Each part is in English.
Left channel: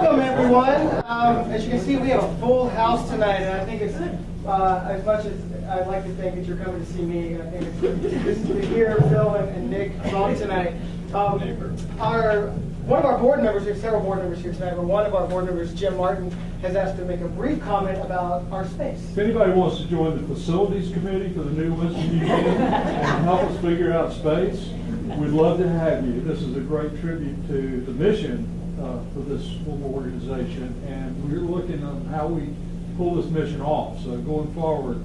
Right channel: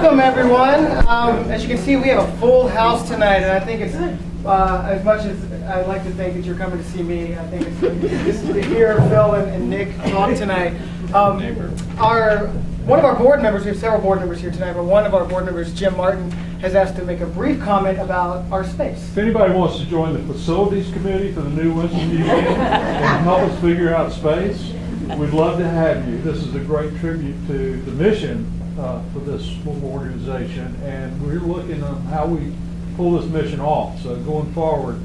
Welcome, everyone. As you can see, we have a full house tonight, and I think it's, as much as I'd like to think that you're coming to see me, I think it's to hear Phil and Nick talk tonight. One of our board members, we have several board members here tonight, but one of our board members, Jim Martin, has asked to make a brief comment about our space. If anybody wants to join the facilities committee for the new Winston Museum and help us figure out space, we'd love to have you. This is a great tribute to the mission for this organization, and we're looking on how we pull this mission off. So going forward,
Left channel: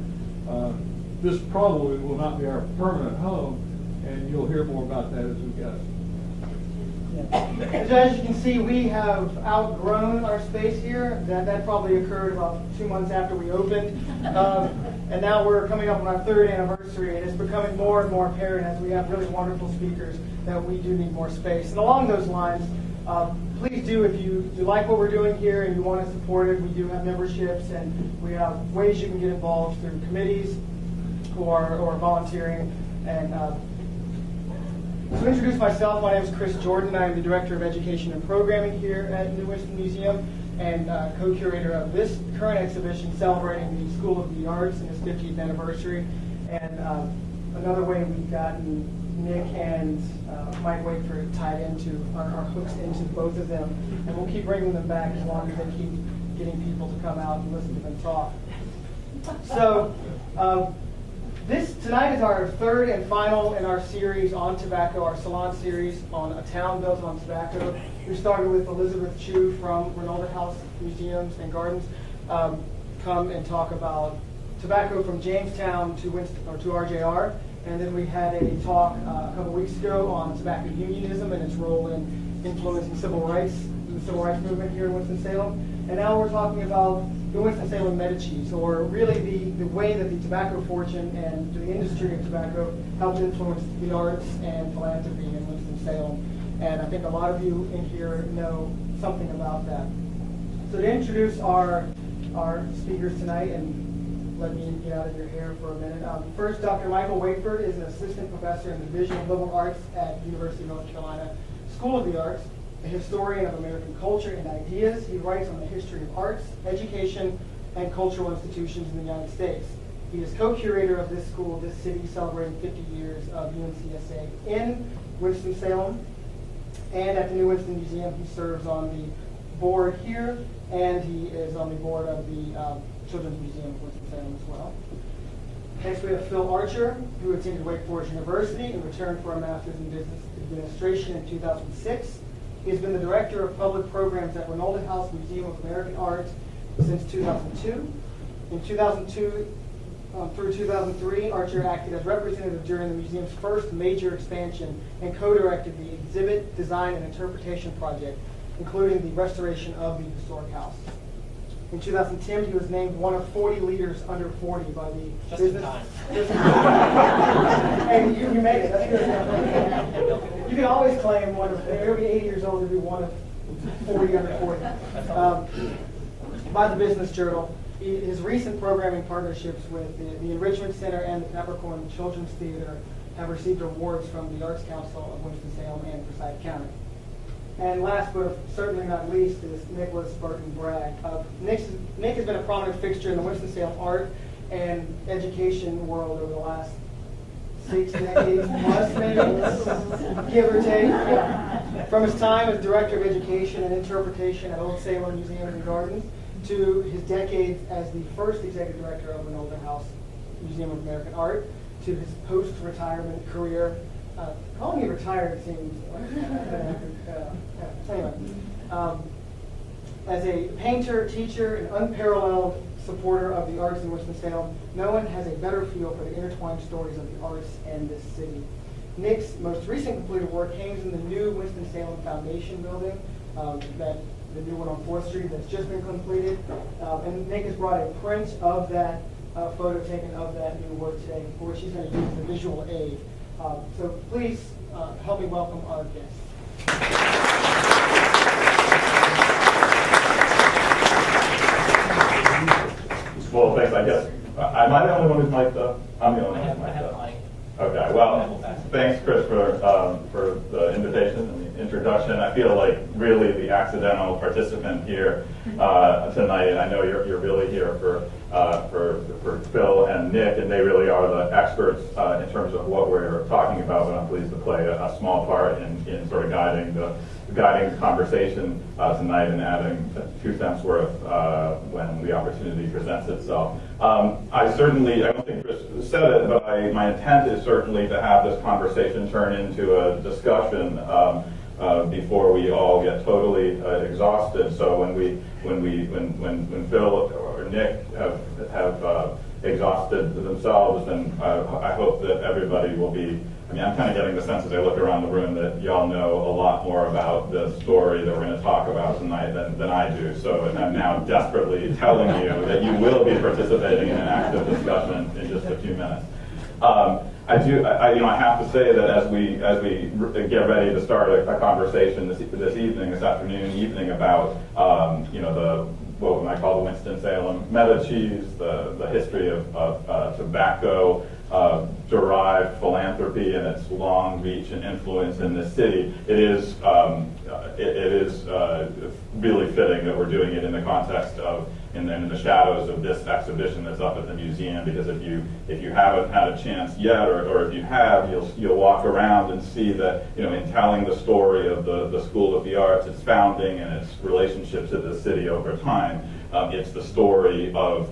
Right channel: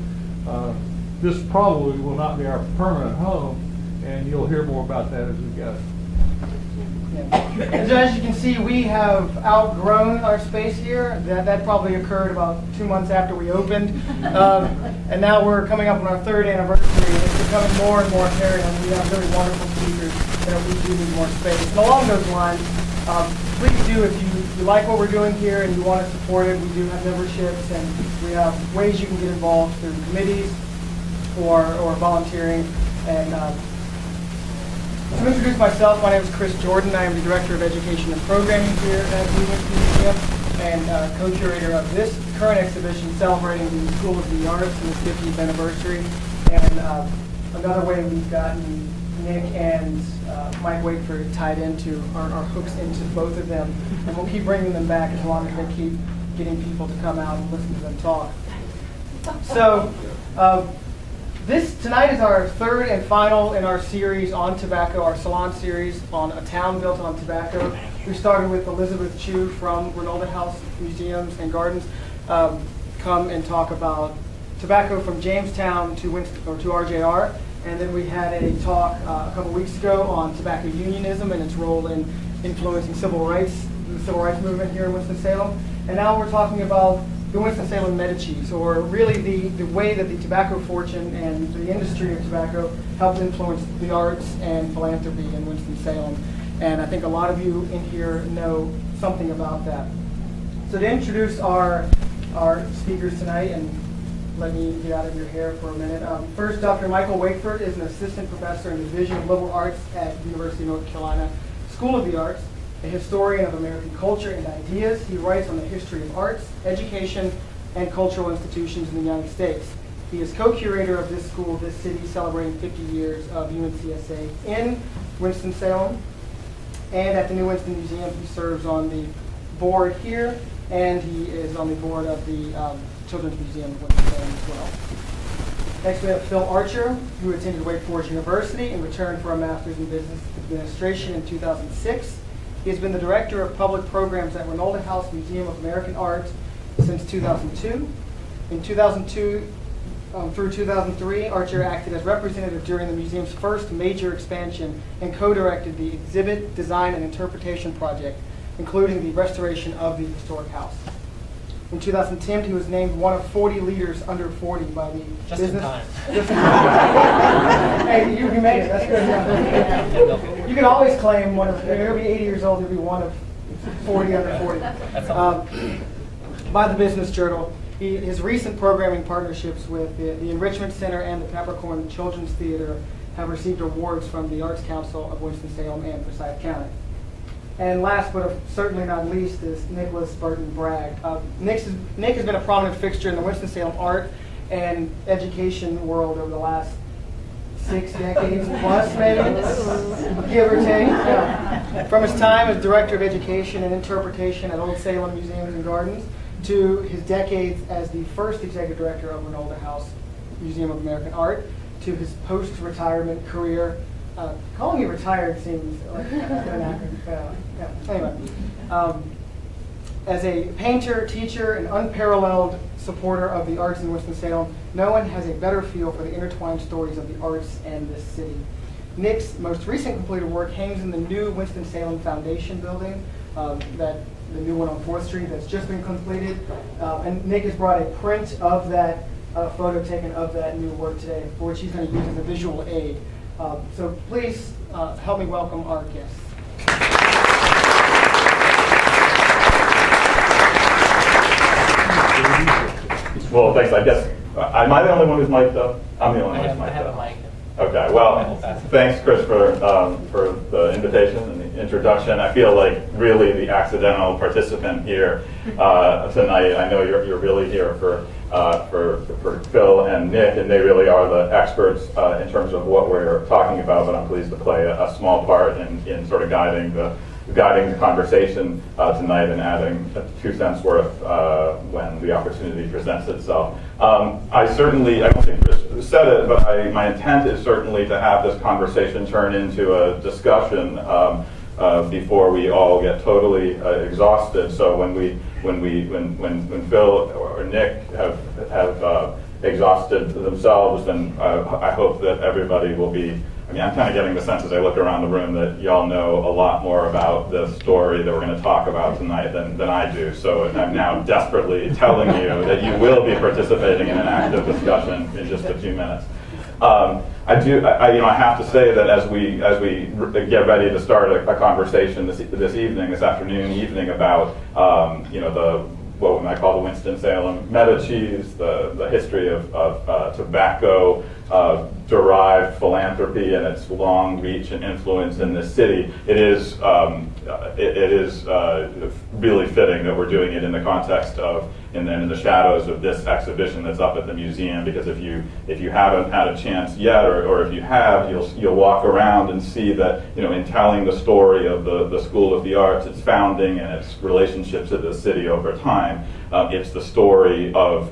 this probably will not be our permanent home, and you'll hear more about that as we go. So as you can see, we have outgrown our space here. That probably occurred about 2 months after we opened. And now we're coming up on our 3rd anniversary, and it's becoming more and more apparent. And we have really wonderful speakers that we do need more space. And along those lines, please do, if you like what we're doing here and you want to support it, we do have memberships, and we have ways you can get involved through committees or volunteering. And to introduce myself, my name is Chris Jordan. I am the Director of Education and Programming here at the Winston Museum and co-curator of this current exhibition celebrating the School of the Arts and its 50th anniversary. And another way we've gotten Nick and Mike Wakeford tied into our hooks into both of them, and we'll keep bringing them back as long as they keep getting people to come out and listen to them talk. So tonight is our 3rd and final in our series on tobacco, our Salon series on a town built on tobacco. We started with Elizabeth Chu from Reynolda House Museums and Gardens come and talk about tobacco from Jamestown to RJR. And then we had a talk a couple weeks ago on tobacco unionism and its role in influencing the civil rights movement here in Winston-Salem. And now we're talking about the Winston-Salem Medicis, or really the way that the tobacco fortune and the industry of tobacco helped influence the arts and philanthropy in Winston-Salem. And I think a lot of you in here know something about that. So to introduce our speakers tonight, and let me get out of your hair for a minute. First, Dr. Michael Wakeford is an assistant professor in the Division of Liberal Arts at University of North Carolina School of the Arts, a historian of American culture and ideas. He writes on the history of arts, education, and cultural institutions in the United States. He is co-curator of this school, this city, celebrating 50 years of UNCSA in Winston-Salem. And at the New Winston Museum, he serves on the board here, and he is on the board of the Children's Museum of Winston-Salem as well. Next we have Phil Archer, who attended Wake Forest University and returned for a master's in business administration in 2006. He has been the director of public programs at Reynolda House Museum of American Art since 2002. In 2002 through 2003, Archer acted as representative during the museum's first major expansion and co-directed the exhibit, design, and interpretation project, including the restoration of the historic house. In 2010, he was named one of 40 leaders under 40 by the business. Just in time. Hey, you made it. That's good. Yeah. You can always claim one of. If you're gonna be 80 years old, you'll be one of 40 under 40. By the Business Journal. His recent programming partnerships with the Enrichment Center and the Peppercorn Children's Theater have received awards from the Arts Council of Winston-Salem and Forsyth County. And last but certainly not least is Burton Bragg. Nick has been a prominent fixture in the Winston-Salem art and education world over the last 6 decades plus, maybe, give or take. Yeah. From his time as Director of Education and Interpretation at Old Salem Museums and Gardens to his decades as the first Executive Director of Reynolda House Museum of American Art, to his post-retirement career. Calling you retired seems like an acronym. Anyway, as a painter, teacher, and unparalleled supporter of the arts in Winston-Salem, no one has a better feel for the intertwined stories of the arts and this city. Nick's most recent completed work hangs in the new Winston-Salem Foundation building, the new one on 4th Street that's just been completed. And Nick has brought a print of that photo taken of that new work today, for which he's going to use as a visual aid. So please help me welcome our guests. Well, thanks. I guess, am I the only one who's mic'd up? I'm the only one who's mic'd up. Okay, well, thanks, Chris, for the invitation and the introduction. I feel like really the accidental participant here tonight. I know you're really here for Phil and Nick, and they really are the experts in terms of what we're talking about, but I'm pleased to play a small part in sort of guiding the conversation tonight and adding 2 cents worth when the opportunity presents itself. I don't think Chris said it, but my intent is certainly to have this conversation turn into a discussion before we all get totally exhausted. So when Phil or Nick have exhausted themselves, then I hope that everybody will be. I mean, I'm kind of getting the sense as I look around the room that y'all know a lot more about the story that we're going to talk about tonight than I do. So I'm now desperately telling you that you will be participating in an active discussion in just a few minutes. I have to say that as we get ready to start a conversation this afternoon about what we might call the Winston Salem Medicis, the history of tobacco derived philanthropy and its long reach and influence in this city. It is really fitting that we're doing it in the context of and then in the shadows of this exhibition that's up at the museum, because if you haven't had a chance yet, or if you have, you'll walk around and see that, in telling the story of the School of the Arts, its founding and its relationships to the city over time, it's the story of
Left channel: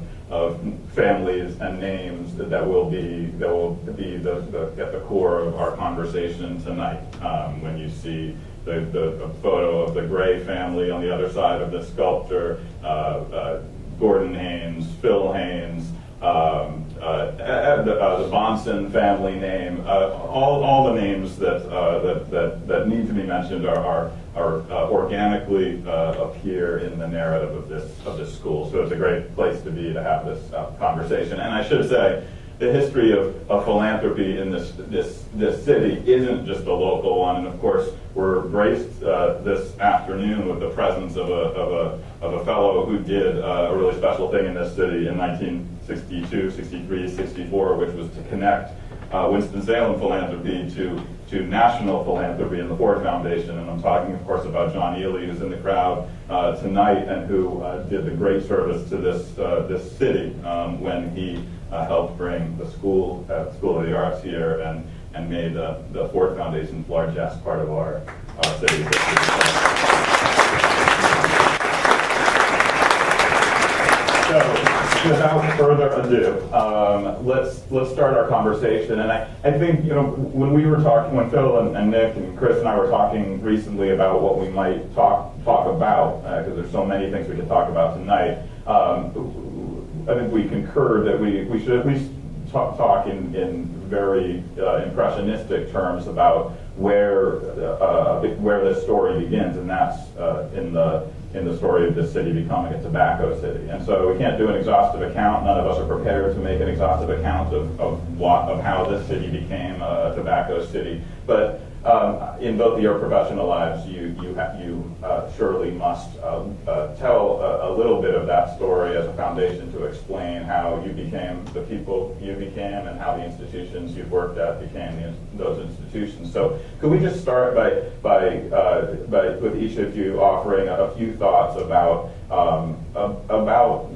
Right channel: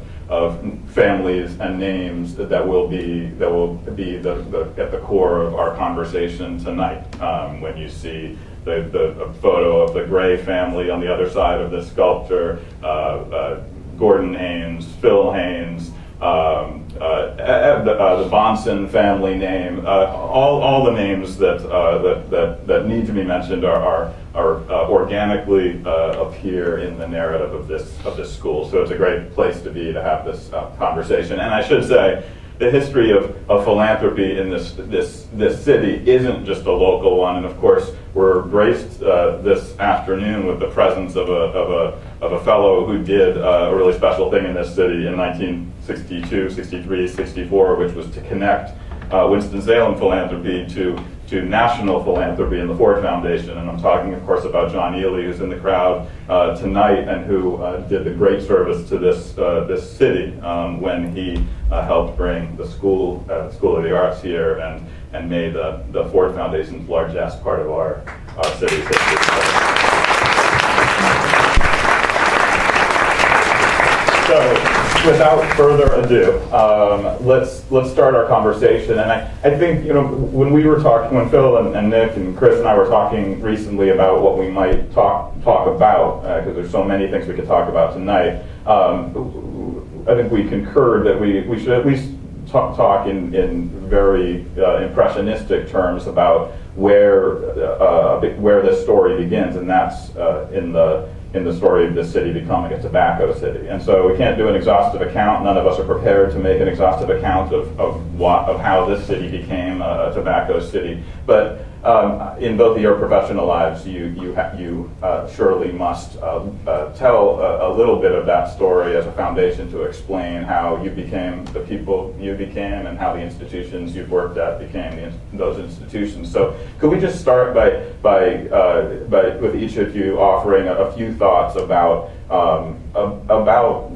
families and names that will be at the core of our conversation tonight. When you see the photo of the Gray family on the other side of the sculpture, Gordon Haynes, Phil Haynes, the Bonson family name, all the names that need to be mentioned are organically appear in the narrative of this school. So it's a great place to be to have this conversation. And I should say, the history of philanthropy in this city isn't just a local one, and of course we're graced this afternoon with the presence of a fellow who did a really special thing in this city in 1962, 63, 64, which was to connect Winston-Salem philanthropy to national philanthropy in the Ford Foundation. And I'm talking, of course, about John Ely, who's in the crowd tonight, and who did the great service to this city when he helped bring the School of the Arts here and made the Ford Foundation's largest part of our city's history. So, without further ado, let's start our conversation. And I think when Phil and Nick and Chris and I were talking recently about what we might talk about, because there's so many things we could talk about tonight. I think we concurred that we should at least talk in very impressionistic terms about where this story begins, and that's in the story of this city becoming a tobacco city. And so we can't do an exhaustive account. None of us are prepared to make an exhaustive account of how this city became a tobacco city. But in both of your professional lives, you surely must tell a little bit of that story as a foundation to explain how you became the people you became and how the institutions you've worked at became those institutions. So could we just start by with each of you offering a few thoughts about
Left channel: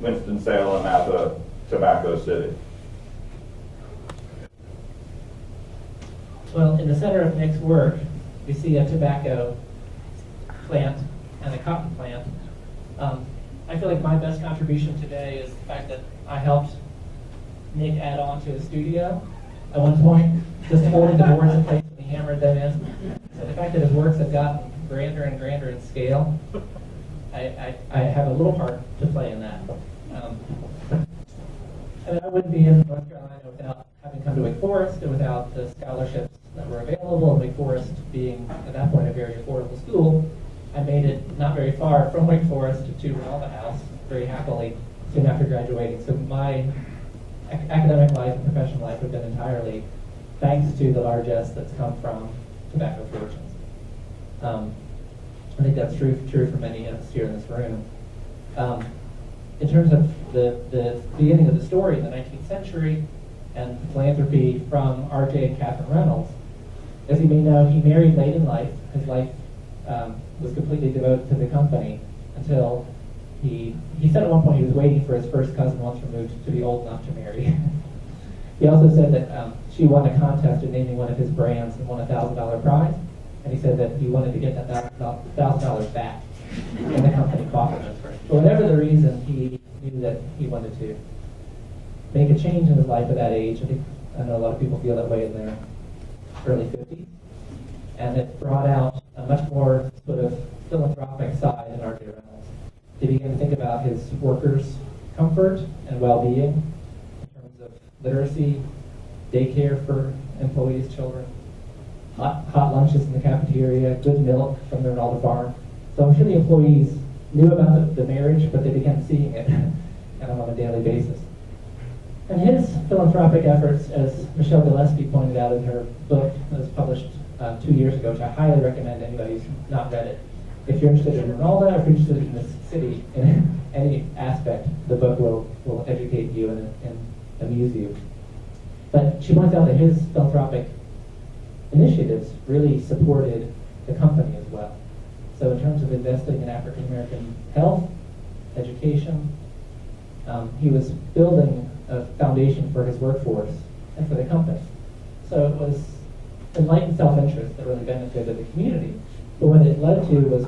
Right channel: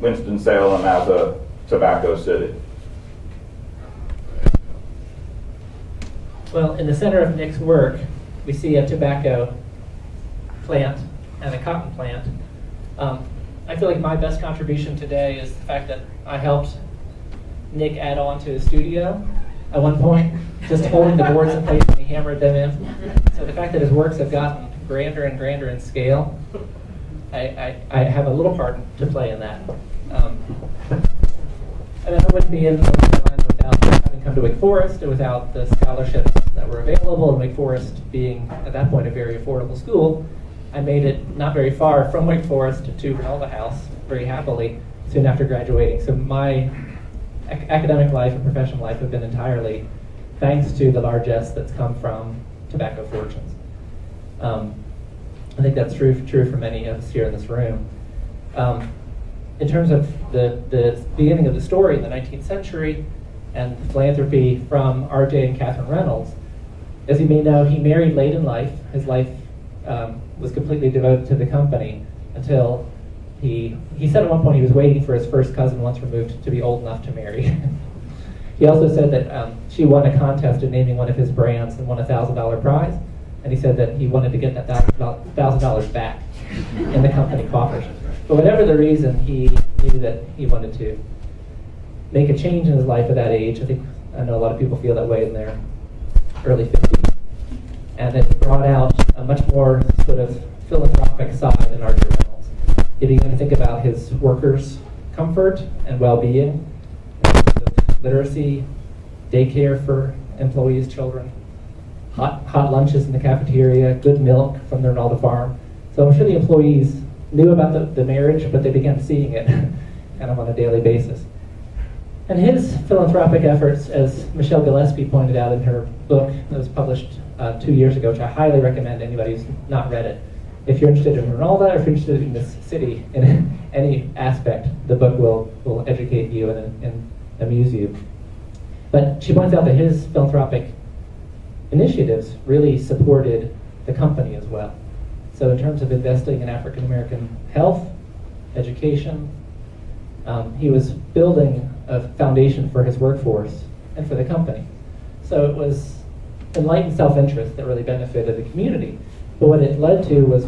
Winston-Salem as a tobacco city? Well, in the center of Nick's work, we see a tobacco plant and a cotton plant. I feel like my best contribution today is the fact that I helped Nick add on to his studio at one point, just holding the boards in place and he hammered them in. So the fact that his works have gotten grander and grander in scale, I have a little part to play in that. And I wouldn't be in North Carolina without having come to Wake Forest and without the scholarships that were available, and Wake Forest being, at that point, a very affordable school. I made it not very far from Wake Forest to Reynolda House very happily soon after graduating. So my academic life and professional life have been entirely thanks to the largesse that's come from tobacco fortunes. I think that's true for many of us here in this room. In terms of the beginning of the story in the 19th century, and philanthropy from R.J. and Catherine Reynolds. As you may know, he married late in life. His life was completely devoted to the company until he said at one point he was waiting for his first cousin once removed to be old enough to marry. He also said that she won a contest in naming one of his brands and won a $1,000 prize. And he said that he wanted to get that $1,000 back in the company coffers. But whatever the reason, he knew that he wanted to make a change in his life at that age. I know a lot of people feel that way in their early 50s. And it brought out a much more sort of philanthropic side in R.J. Reynolds. He began to think about his workers' comfort and well-being, literacy, daycare for employees' children, hot lunches in the cafeteria, good milk from the Reynolda farm. So I'm sure the employees knew about the marriage, but they began seeing it kind of on a daily basis. And his philanthropic efforts, as Michelle Gillespie pointed out in her book that was published 2 years ago, which I highly recommend anybody who's not read it. If you're interested in Reynolda, or if you're interested in this city in any aspect, the book will educate you and amuse you. But she points out that his philanthropic initiatives really supported the company as well. So in terms of investing in African American health, education, he was building a foundation for his workforce and for the company. So it was enlightened self-interest that really benefited the community. But what it led to was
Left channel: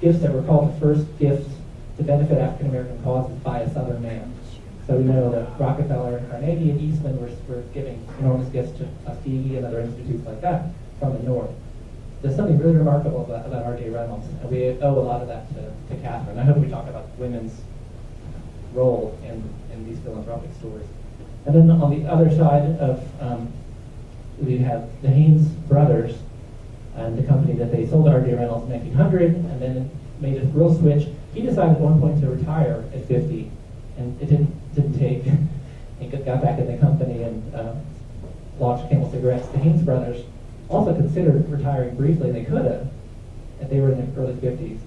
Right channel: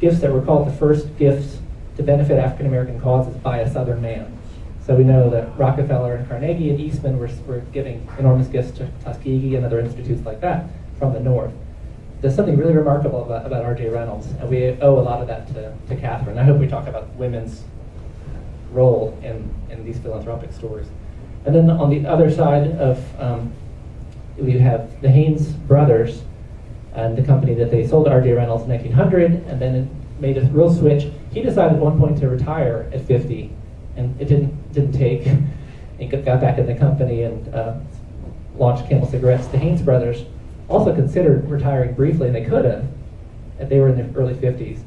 gifts that were called the first gifts to benefit African American causes by a Southern man. So we know that Rockefeller and Carnegie and Eastman were giving enormous gifts to Tuskegee and other institutes like that from the North. There's something really remarkable about R.J. Reynolds, and we owe a lot of that to Catherine. I hope we talk about women's role in these philanthropic stories. And then on the other side of, we have the Haynes brothers and the company that they sold to R.J. Reynolds in 1900, and then made a real switch. He decided at one point to retire at 50, and it didn't take. He got back in the company and launched Camel Cigarettes. The Haynes brothers also considered retiring briefly, and they could have, and they were in their early 50s,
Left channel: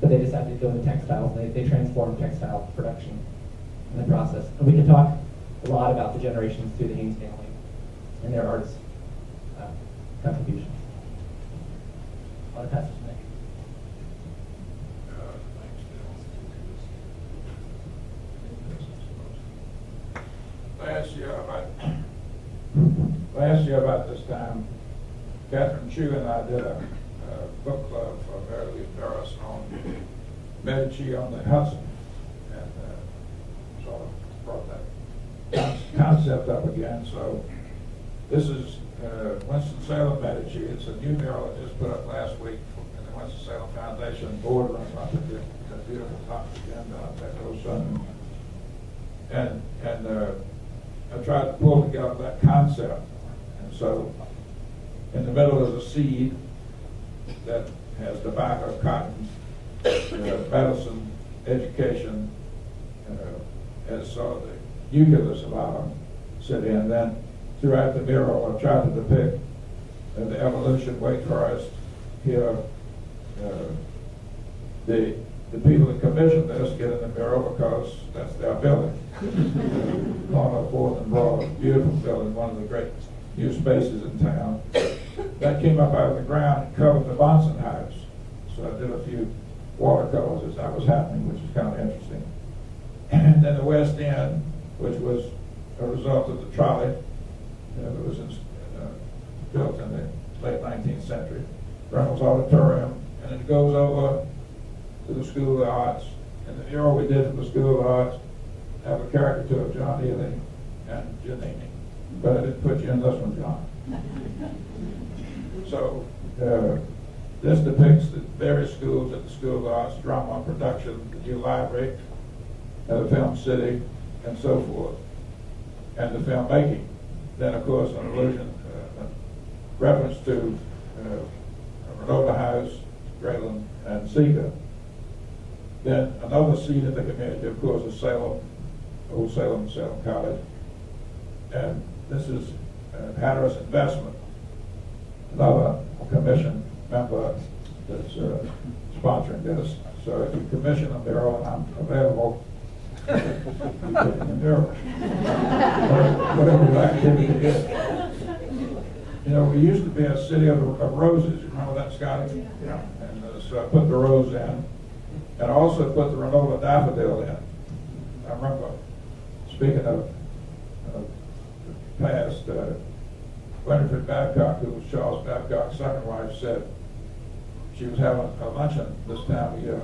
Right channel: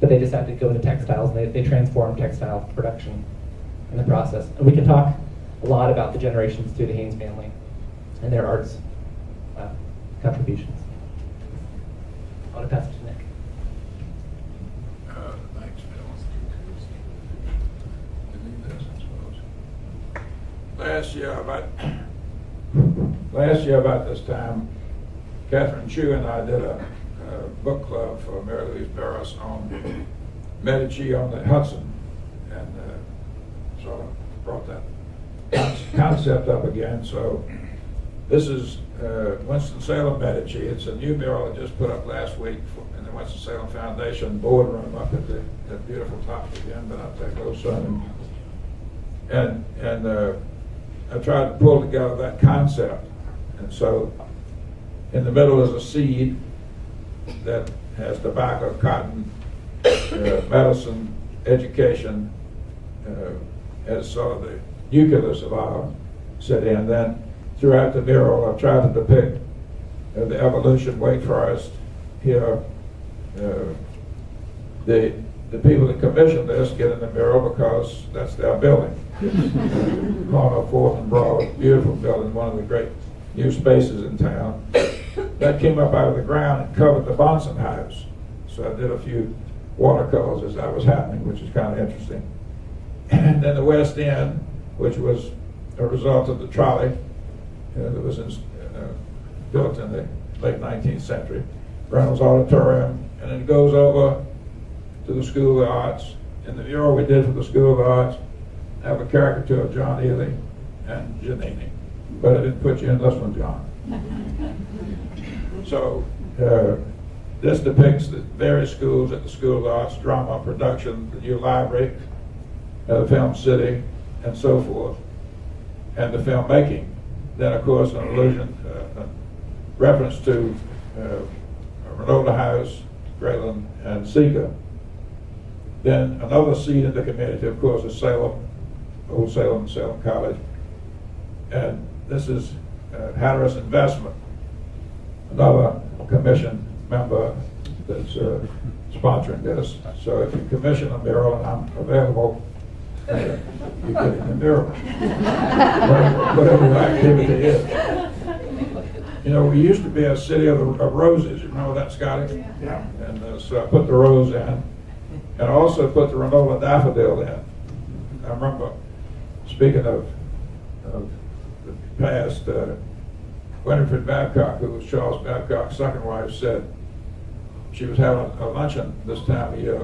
but they decided to go into textiles, and they transformed textile production in the process. And we can talk a lot about the generations through the Haynes family and their arts contributions. I'll pass it to Nick. Thanks, Bill. Last year about this time, Catherine Chu and I did a book club for Mary Louise Barris on Medici on the Hudson, and sort of brought that concept up again. So this is Winston Salem Medici. It's a new mural I just put up last week in the Winston Salem Foundation boardroom up at the beautiful top again, but out there close sun. And I tried to pull together that concept. And so in the middle is a seed that has tobacco, cotton, medicine, education as sort of the nucleus of our city. And then throughout the mural, I tried to depict the evolution, Wake Forest, here. The people that commissioned this get in the mural because that's their building. Corner of 4th and Broad, beautiful building, one of the great new spaces in town. That came up out of the ground and covered the Bonson House. So I did a few watercolors as that was happening, which is kind of interesting. And then the West End, which was a result of the trolley that was built in the late 19th century, Reynolds Auditorium, and it goes over to the School of the Arts. And the mural we did for the School of the Arts have a caricature of John Ely and Giannini. But I didn't put you in this one, John. So this depicts the various schools at the School of the Arts, drama, production, the new library, Film City, and so forth, and the filmmaking. Then, of course, an allusion, reference to Reynolda House, Grayland, and Seeger. Then another seed in the community, of course, is Salem, Old Salem, Salem College. And this is Hatteras Investment, another commission member that's sponsoring this. So if you commission a mural, and I'm available You get in the mirror. Whatever the activity is. You know, we used to be a city of roses. You remember that, Scotty? Yeah. And so I put the rose in, and I also put the Reynolda daffodil in. I remember, speaking of the past, Winifred Babcock, who was Charles Babcock's second wife, said she was having a luncheon this time of year,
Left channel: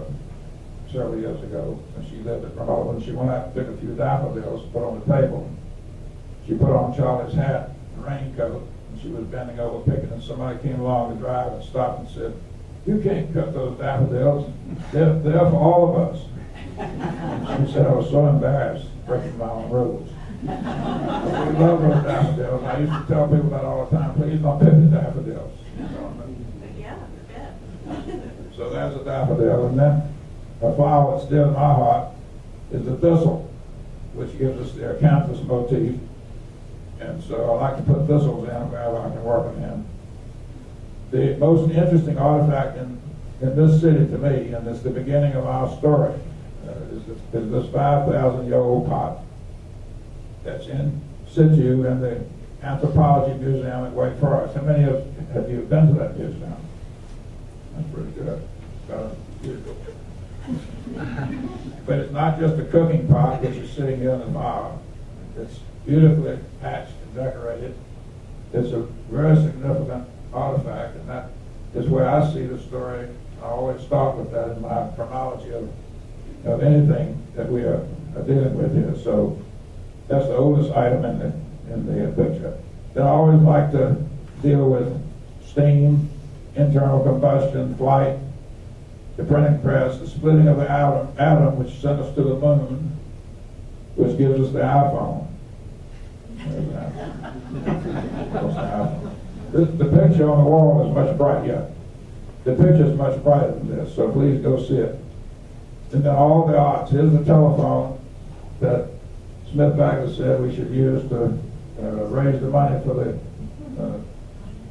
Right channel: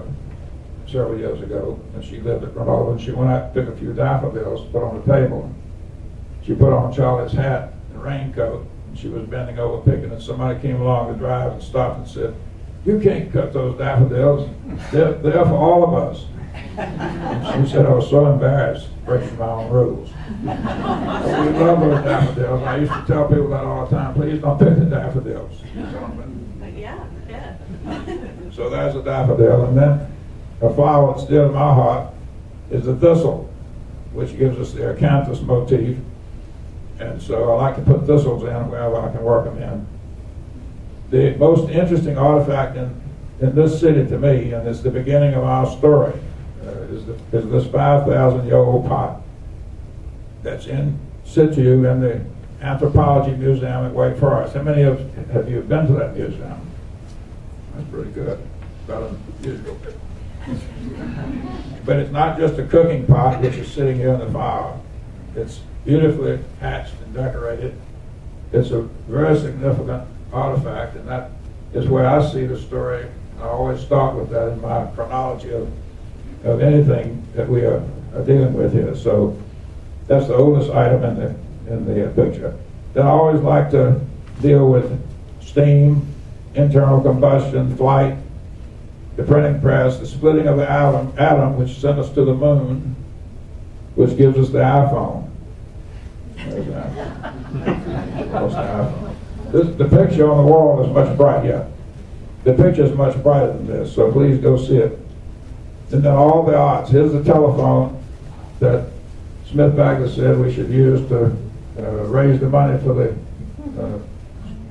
several years ago, and she lived at Reynolda, and she went out and took a few daffodils, put on the table. She put on Charlie's hat and raincoat, and she was bending over picking, and somebody came along the drive and stopped and said, "You can't cut those daffodils. They're for all of us." And she said, "I was so embarrassed breaking my own rules." We love those daffodils. I used to tell people that all the time, please don't pick the daffodils. Yeah. So there's a daffodil, and then a flower that's dear to my heart is the thistle, which gives us the acanthus motif. And so I like to put thistles in wherever I can work them in. The most interesting artifact in this city to me, and it's the beginning of our story, is this 5,000-year-old pot that's in situ in the Anthropology Museum at Wakeford. How many have you been to that museum? That's pretty good. Better than usual. But it's not just a cooking pot which is sitting here in the fire. It's beautifully hatched and decorated. It's a very significant artifact, and that is where I see the story. I always start with that in my chronology of anything that we are dealing with here. So that's the oldest item in the picture. Then I always like to deal with steam, internal combustion, flight, the printing press, the splitting of the atom which sent us to the moon, which gives us the iPhone. There's the iPhone. The picture on the wall is much brighter. The picture is much brighter than this, so please go see it. And then all the arts. Here's the telephone that Smith Bagley said we should use to raise the money for the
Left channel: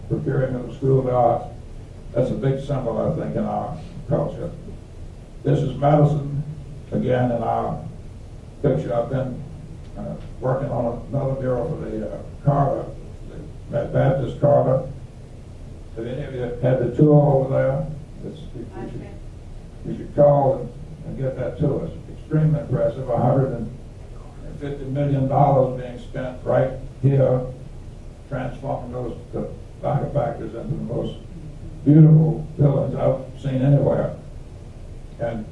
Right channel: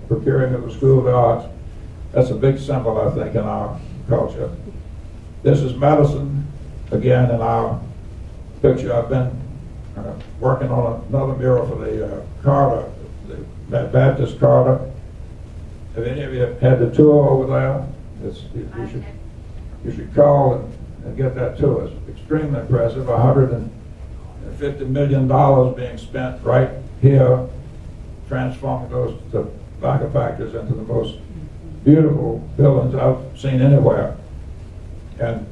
procuring of the School of the Arts. That's a big symbol, I think, in our culture. This is medicine, again, in our picture. I've been working on another mural for the Carter, that Baptist Carter. Have any of you had the tour over there? You should call and get that to us. Extremely impressive. $150 million being spent right here, transforming those tobacco factories into the most beautiful buildings I've seen anywhere. And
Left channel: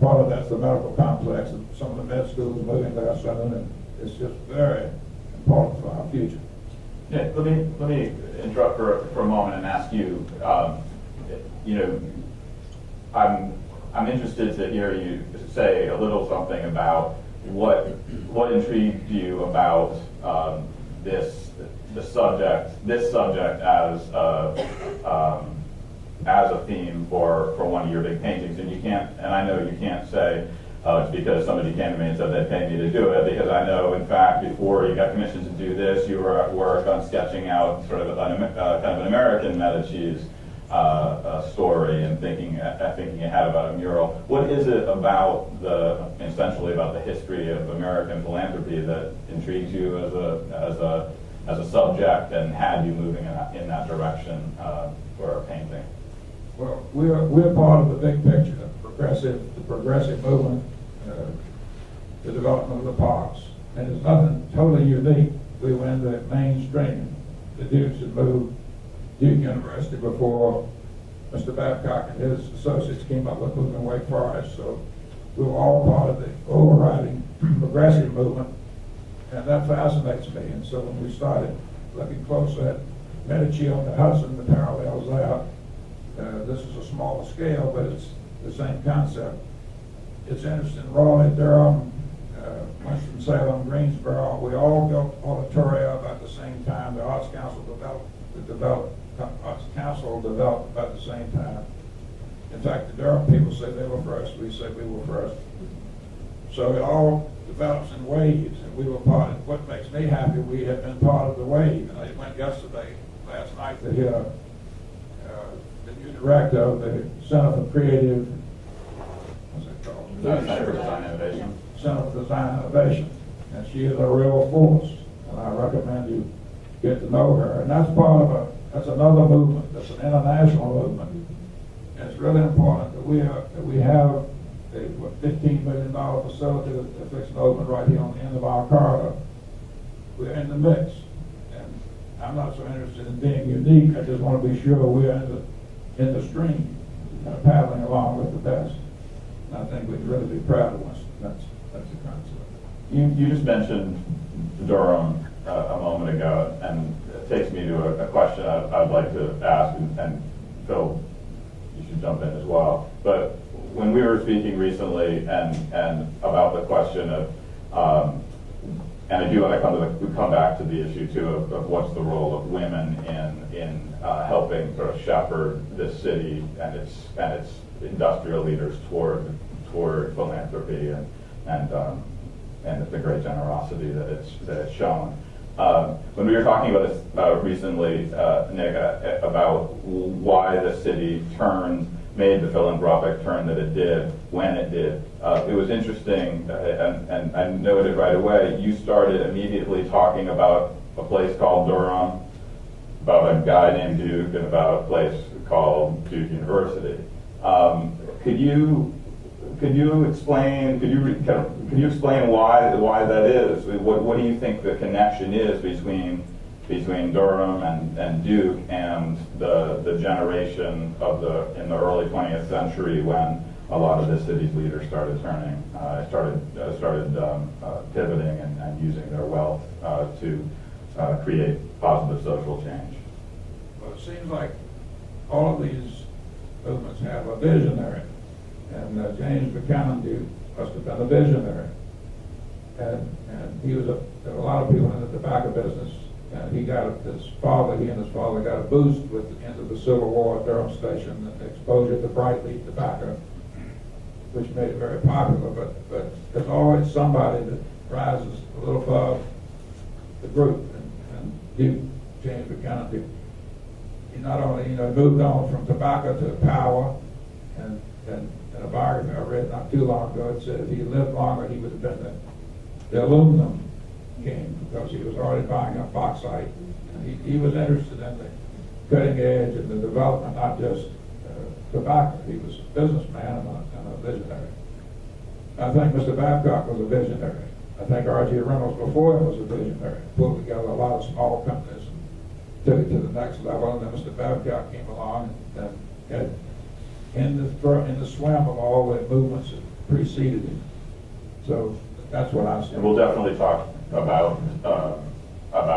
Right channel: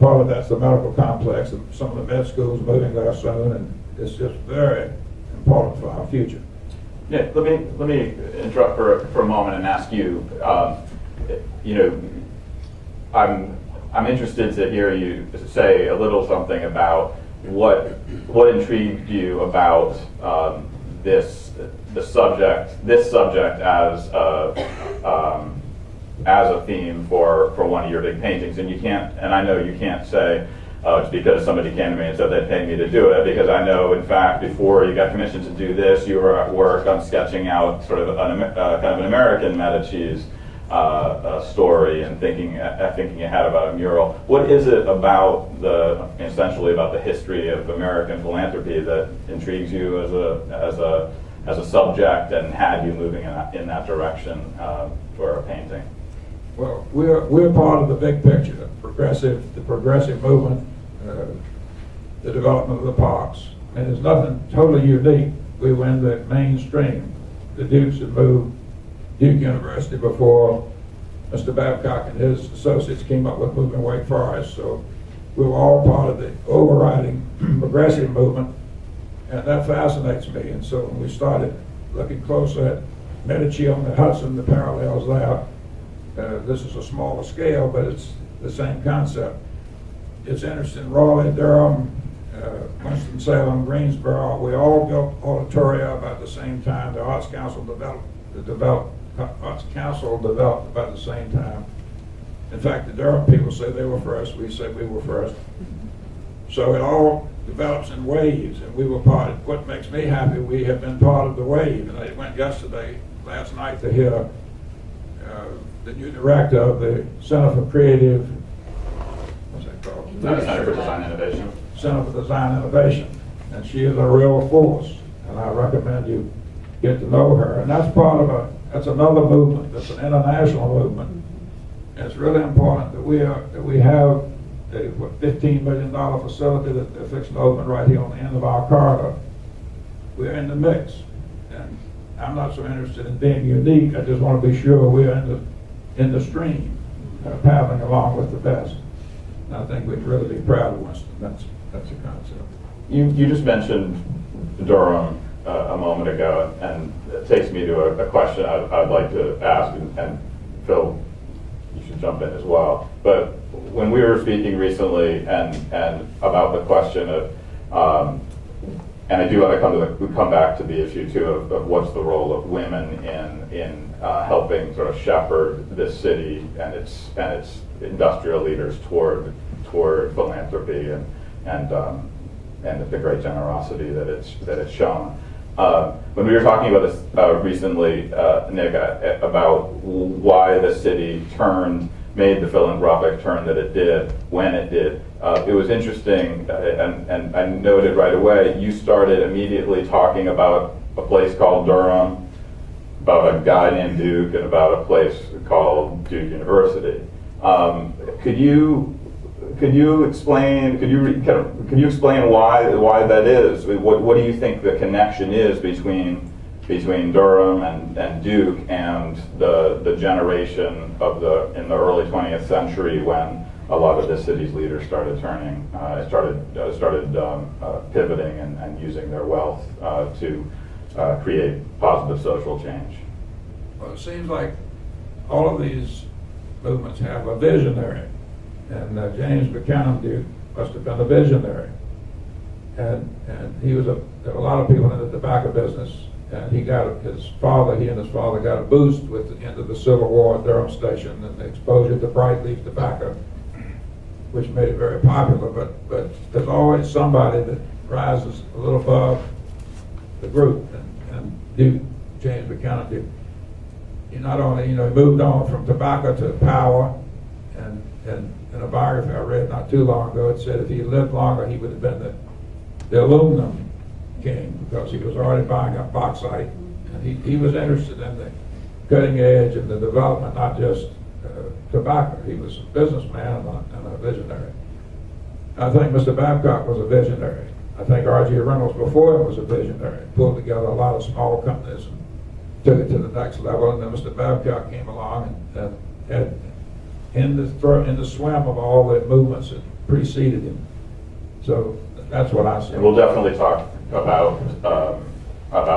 part of that's the medical complex, and some of the med schools moving there soon, and it's just very important for our future. Yeah, let me interrupt for a moment and ask you. I'm interested to hear you say a little something about what intrigued you about this subject as a theme for one of your big paintings. And I know you can't say it's because somebody came to me and said they'd pay me to do it, because I know, in fact, before you got commissioned to do this, you were at work on sketching out sort of kind of an American Medicis story and thinking ahead about a mural. What is it about essentially about the history of American philanthropy that intrigues you as a subject and had you moving in that direction for a painting? Well, we're part of the big picture, the progressive movement, the development of the parks, and there's nothing totally unique. We were in the mainstream. The Dukes had moved Duke University before Mr. Babcock and his associates came up with moving Wake Forest. So we were all part of the overriding progressive movement, and that fascinates me. And so when we started looking closer at Medicis on the Hudson, the parallels there, this is a smaller scale, but it's the same concept. It's interesting, Raleigh, Durham, Winston Salem, Greensboro, we all built auditoria about the same time. The Arts Council developed about the same time. In fact, the Durham people say they were first, we say we were first. So it all develops in waves, and we were part of, what makes me happy, we have been part of the wave. And I went last night to hear the new director of the Center for Creative, what's that called? Center for Design Innovation. Center for Design Innovation, and she is a real force, and I recommend you get to know her. And that's part of that's another movement. That's an international movement. And it's really important that we have a $15 million facility that they're fixing to open right here on the end of our corridor. We're in the mix, and I'm not so interested in being unique. I just want to be sure we're in the stream, paddling along with the best. And I think we'd really be proud of Winston. That's the concept. You just mentioned Durham a moment ago, and it takes me to a question I'd like to ask, and Phil, you should jump in as well. But when we were speaking recently and about the question of, and I do want to come back to the issue too of what's the role of women in helping sort of shepherd this city and its industrial leaders toward philanthropy and the great generosity that it's shown. When we were talking about this recently, Nick, about why the city made the philanthropic turn that it did when it did, it was interesting, and I noted right away, you started immediately talking about a place called Durham, about a guy named Duke, and about a place called Duke University. Could you explain why that is? What do you think the connection is between Durham and Duke and the generation in the early 20th century when a lot of the city's leaders started pivoting and using their wealth to create positive social change? Well, it seems like all of these movements have a visionary. And James Buchanan Duke must have been a visionary. And he was there were a lot of people in the tobacco business, and he and his father got a boost with the end of the Civil War at Durham Station and the exposure to bright leaf tobacco, which made it very popular. But there's always somebody that rises a little above the group, and Duke, James Buchanan Duke, he not only he moved on from tobacco to power, and in a biography I read not too long ago, it said if he lived longer, he would have been the aluminum king, because he was already buying up bauxite. And he was interested in the cutting edge and the development, not just tobacco. He was a businessman and a visionary. I think Mr. Babcock was a visionary. I think R.G. Reynolds before him was a visionary. Pulled together a lot of small companies and took it to the next level. And then Mr. Babcock came along and had in the swim of all the movements that preceded him. So that's what I see. And we'll definitely talk about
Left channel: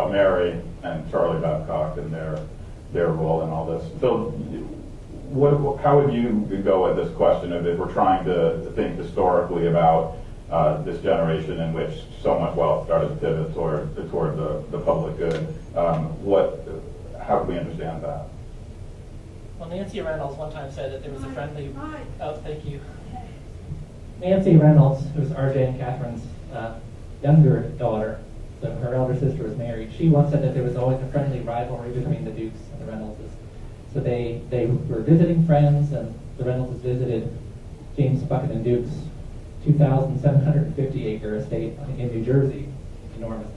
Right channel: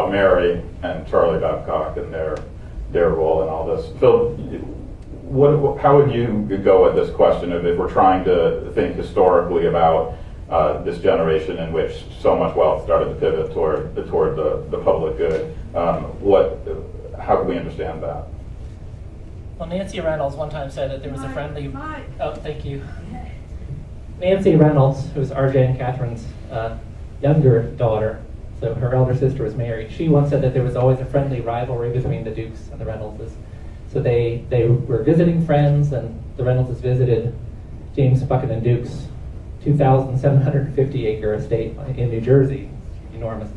Mary and Charlie Babcock and their role in all this. Phil, how would you go at this question of if we're trying to think historically about this generation in which so much wealth started to pivot toward the public good? How can we understand that? Well, Nancy Reynolds one time said that there was a friendly... Oh, thank you. Nancy Reynolds, who's R.J. and Catherine's younger daughter, so her elder sister was Mary, she once said that there was always a friendly rivalry between the Dukes and the Reynoldses. So they were visiting friends, and the Reynoldses visited James Buchanan Duke's 2,750-acre estate in New Jersey, enormous,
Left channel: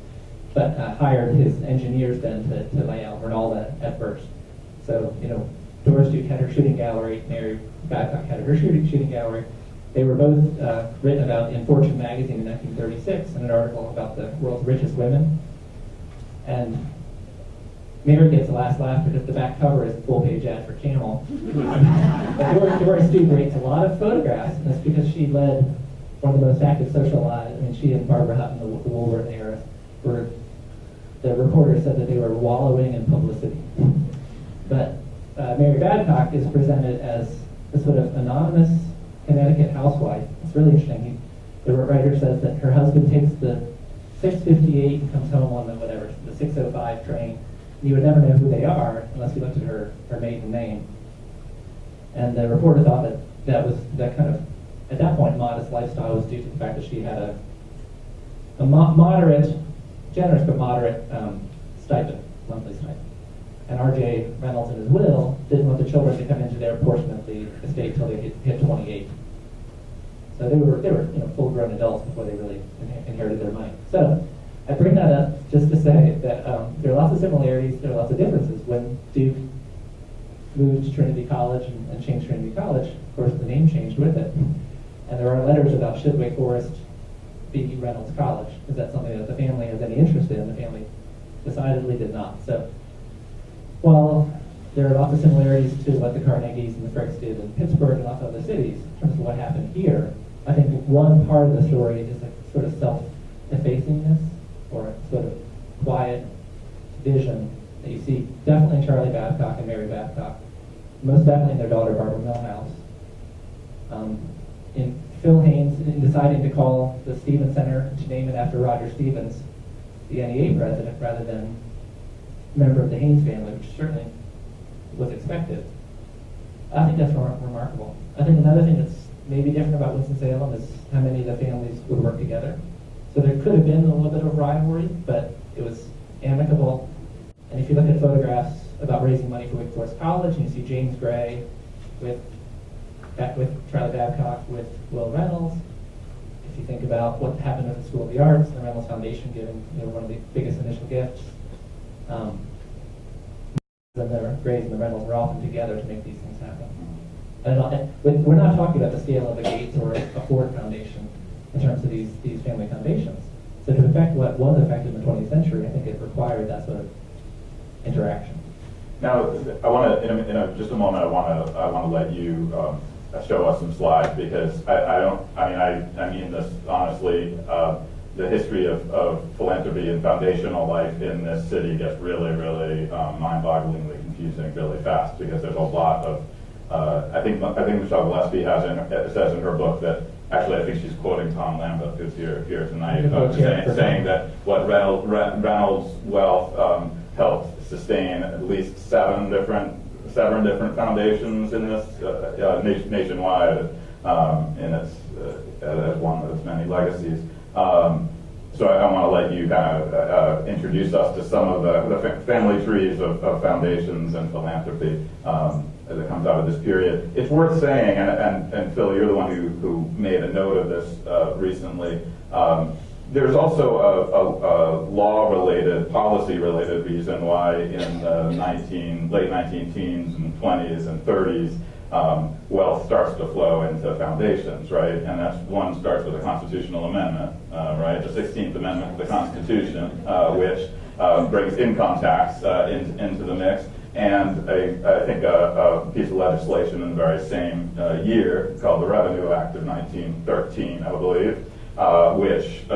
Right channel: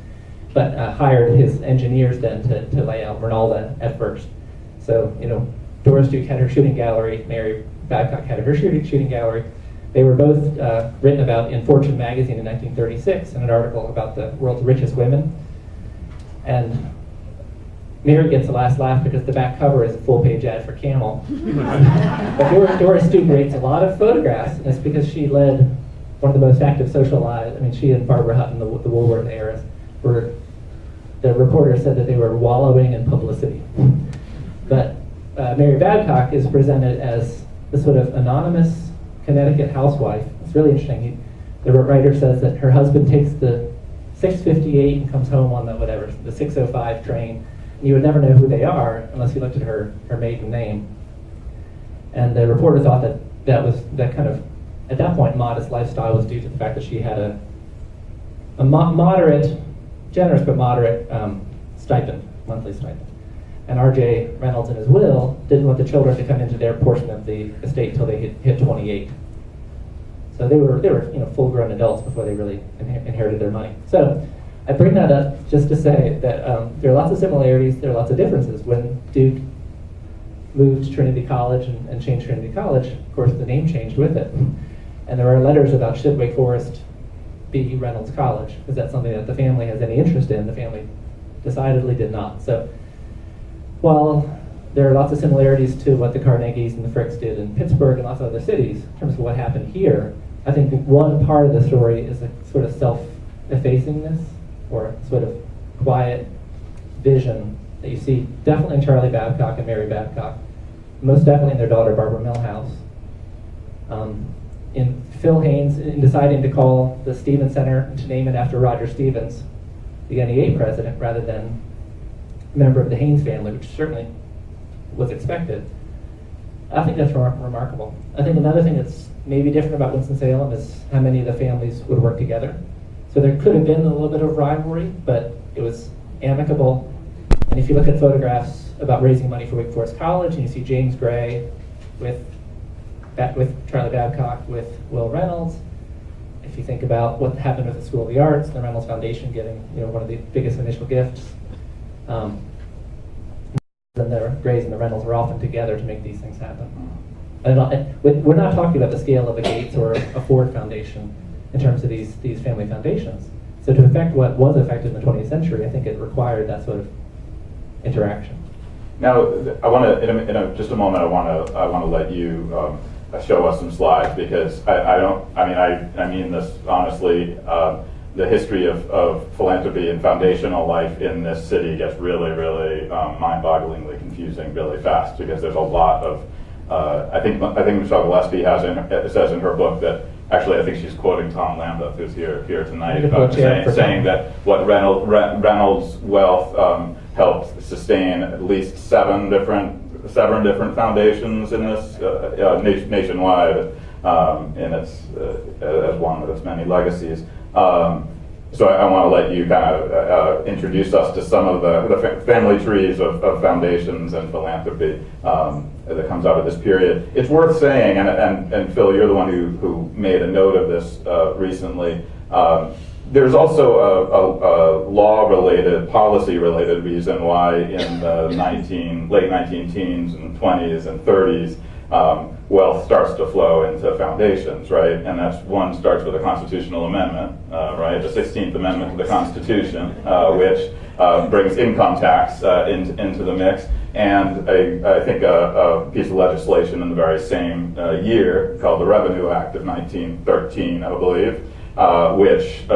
but hired his engineers then to lay out Reynolda at first. So, Doris Duke had her shooting gallery, Mary Babcock had her shooting gallery. They were both written about in Fortune magazine in 1936 in an article about the world's richest women. And Mary gets the last laugh because the back cover is a full-page ad for Camel. But Doris Duke rates a lot of photographs, and it's because she led one of the most active social lives. I mean, she and Barbara Hutton, the Woolworth era, the reporter said that they were wallowing in publicity. But Mary Babcock is presented as a sort of anonymous Connecticut housewife. It's really interesting. The writer says that her husband takes the 6:58 and comes home on the 6:05 train. And you would never know who they are unless you looked at her maiden name. And the reporter thought that kind of, at that point, modest lifestyle was due to the fact that she had a moderate, generous but moderate stipend, monthly stipend. And R.J. Reynolds in his will didn't want the children to come into their portion of the estate till they hit 28. So they were full-grown adults before they really inherited their money. So I bring that up just to say that there are lots of similarities, there are lots of differences. When Duke moved to Trinity College and changed Trinity College, of course the name changed with it. And there are letters about should Wake Forest be Reynolds College? Is that something that the family has any interest in? The family decidedly did not. So while there are lots of similarities to what the Carnegies and the Fricks did in Pittsburgh and lots of other cities in terms of what happened here, I think one part of the story is a sort of self-effacingness or sort of quiet vision that you see definitely in Charlie Babcock and Mary Babcock, most definitely in their daughter Barbara Millhouse. In Phil Haynes, in deciding to call the Stevens Center, to name it after Roger Stevens, the NEA president, rather than a member of the Haynes family, which certainly was expected. I think that's remarkable. I think another thing that's maybe different about Winston-Salem is how many of the families would work together. So there could have been a little bit of rivalry, but it was amicable. And if you look at photographs about raising money for Wake Forest College, and you see James Gray with Charlie Babcock, with Will Reynolds. If you think about what happened with the School of the Arts, the Reynolds Foundation giving one of the biggest initial gifts, and the Grays and the Reynolds were often together to make these things happen. We're not talking about the scale of a Gates or a Ford Foundation in terms of these family foundations. So to affect what was affected in the 20th century, I think it required that sort of interaction. Now, I want to, in just a moment, I want to let you show us some slides, because I mean this honestly. The history of philanthropy and foundational life in this city gets really, really mind-bogglingly confusing really fast, because there's a lot of. I think Michelle Gillespie says in her book that, actually I think she's quoting Tom Lambeth, who's here tonight, saying that what Reynolds' wealth helped sustain at least seven different foundations in this nationwide, in its as one of its many legacies. So I want to let you kind of introduce us to some of the family trees of foundations and philanthropy that comes out of this period. It's worth saying, and Phil, you're the one who made a note of this recently. There's also a law-related, policy-related reason why in the late 19 teens and 20s and 30s, wealth starts to flow into foundations, right? And that's one starts with a constitutional amendment, right? The 16th Amendment to the Constitution, which brings income tax into the mix, and I think a piece of legislation in the very same year called the Revenue Act of 1913, I believe, which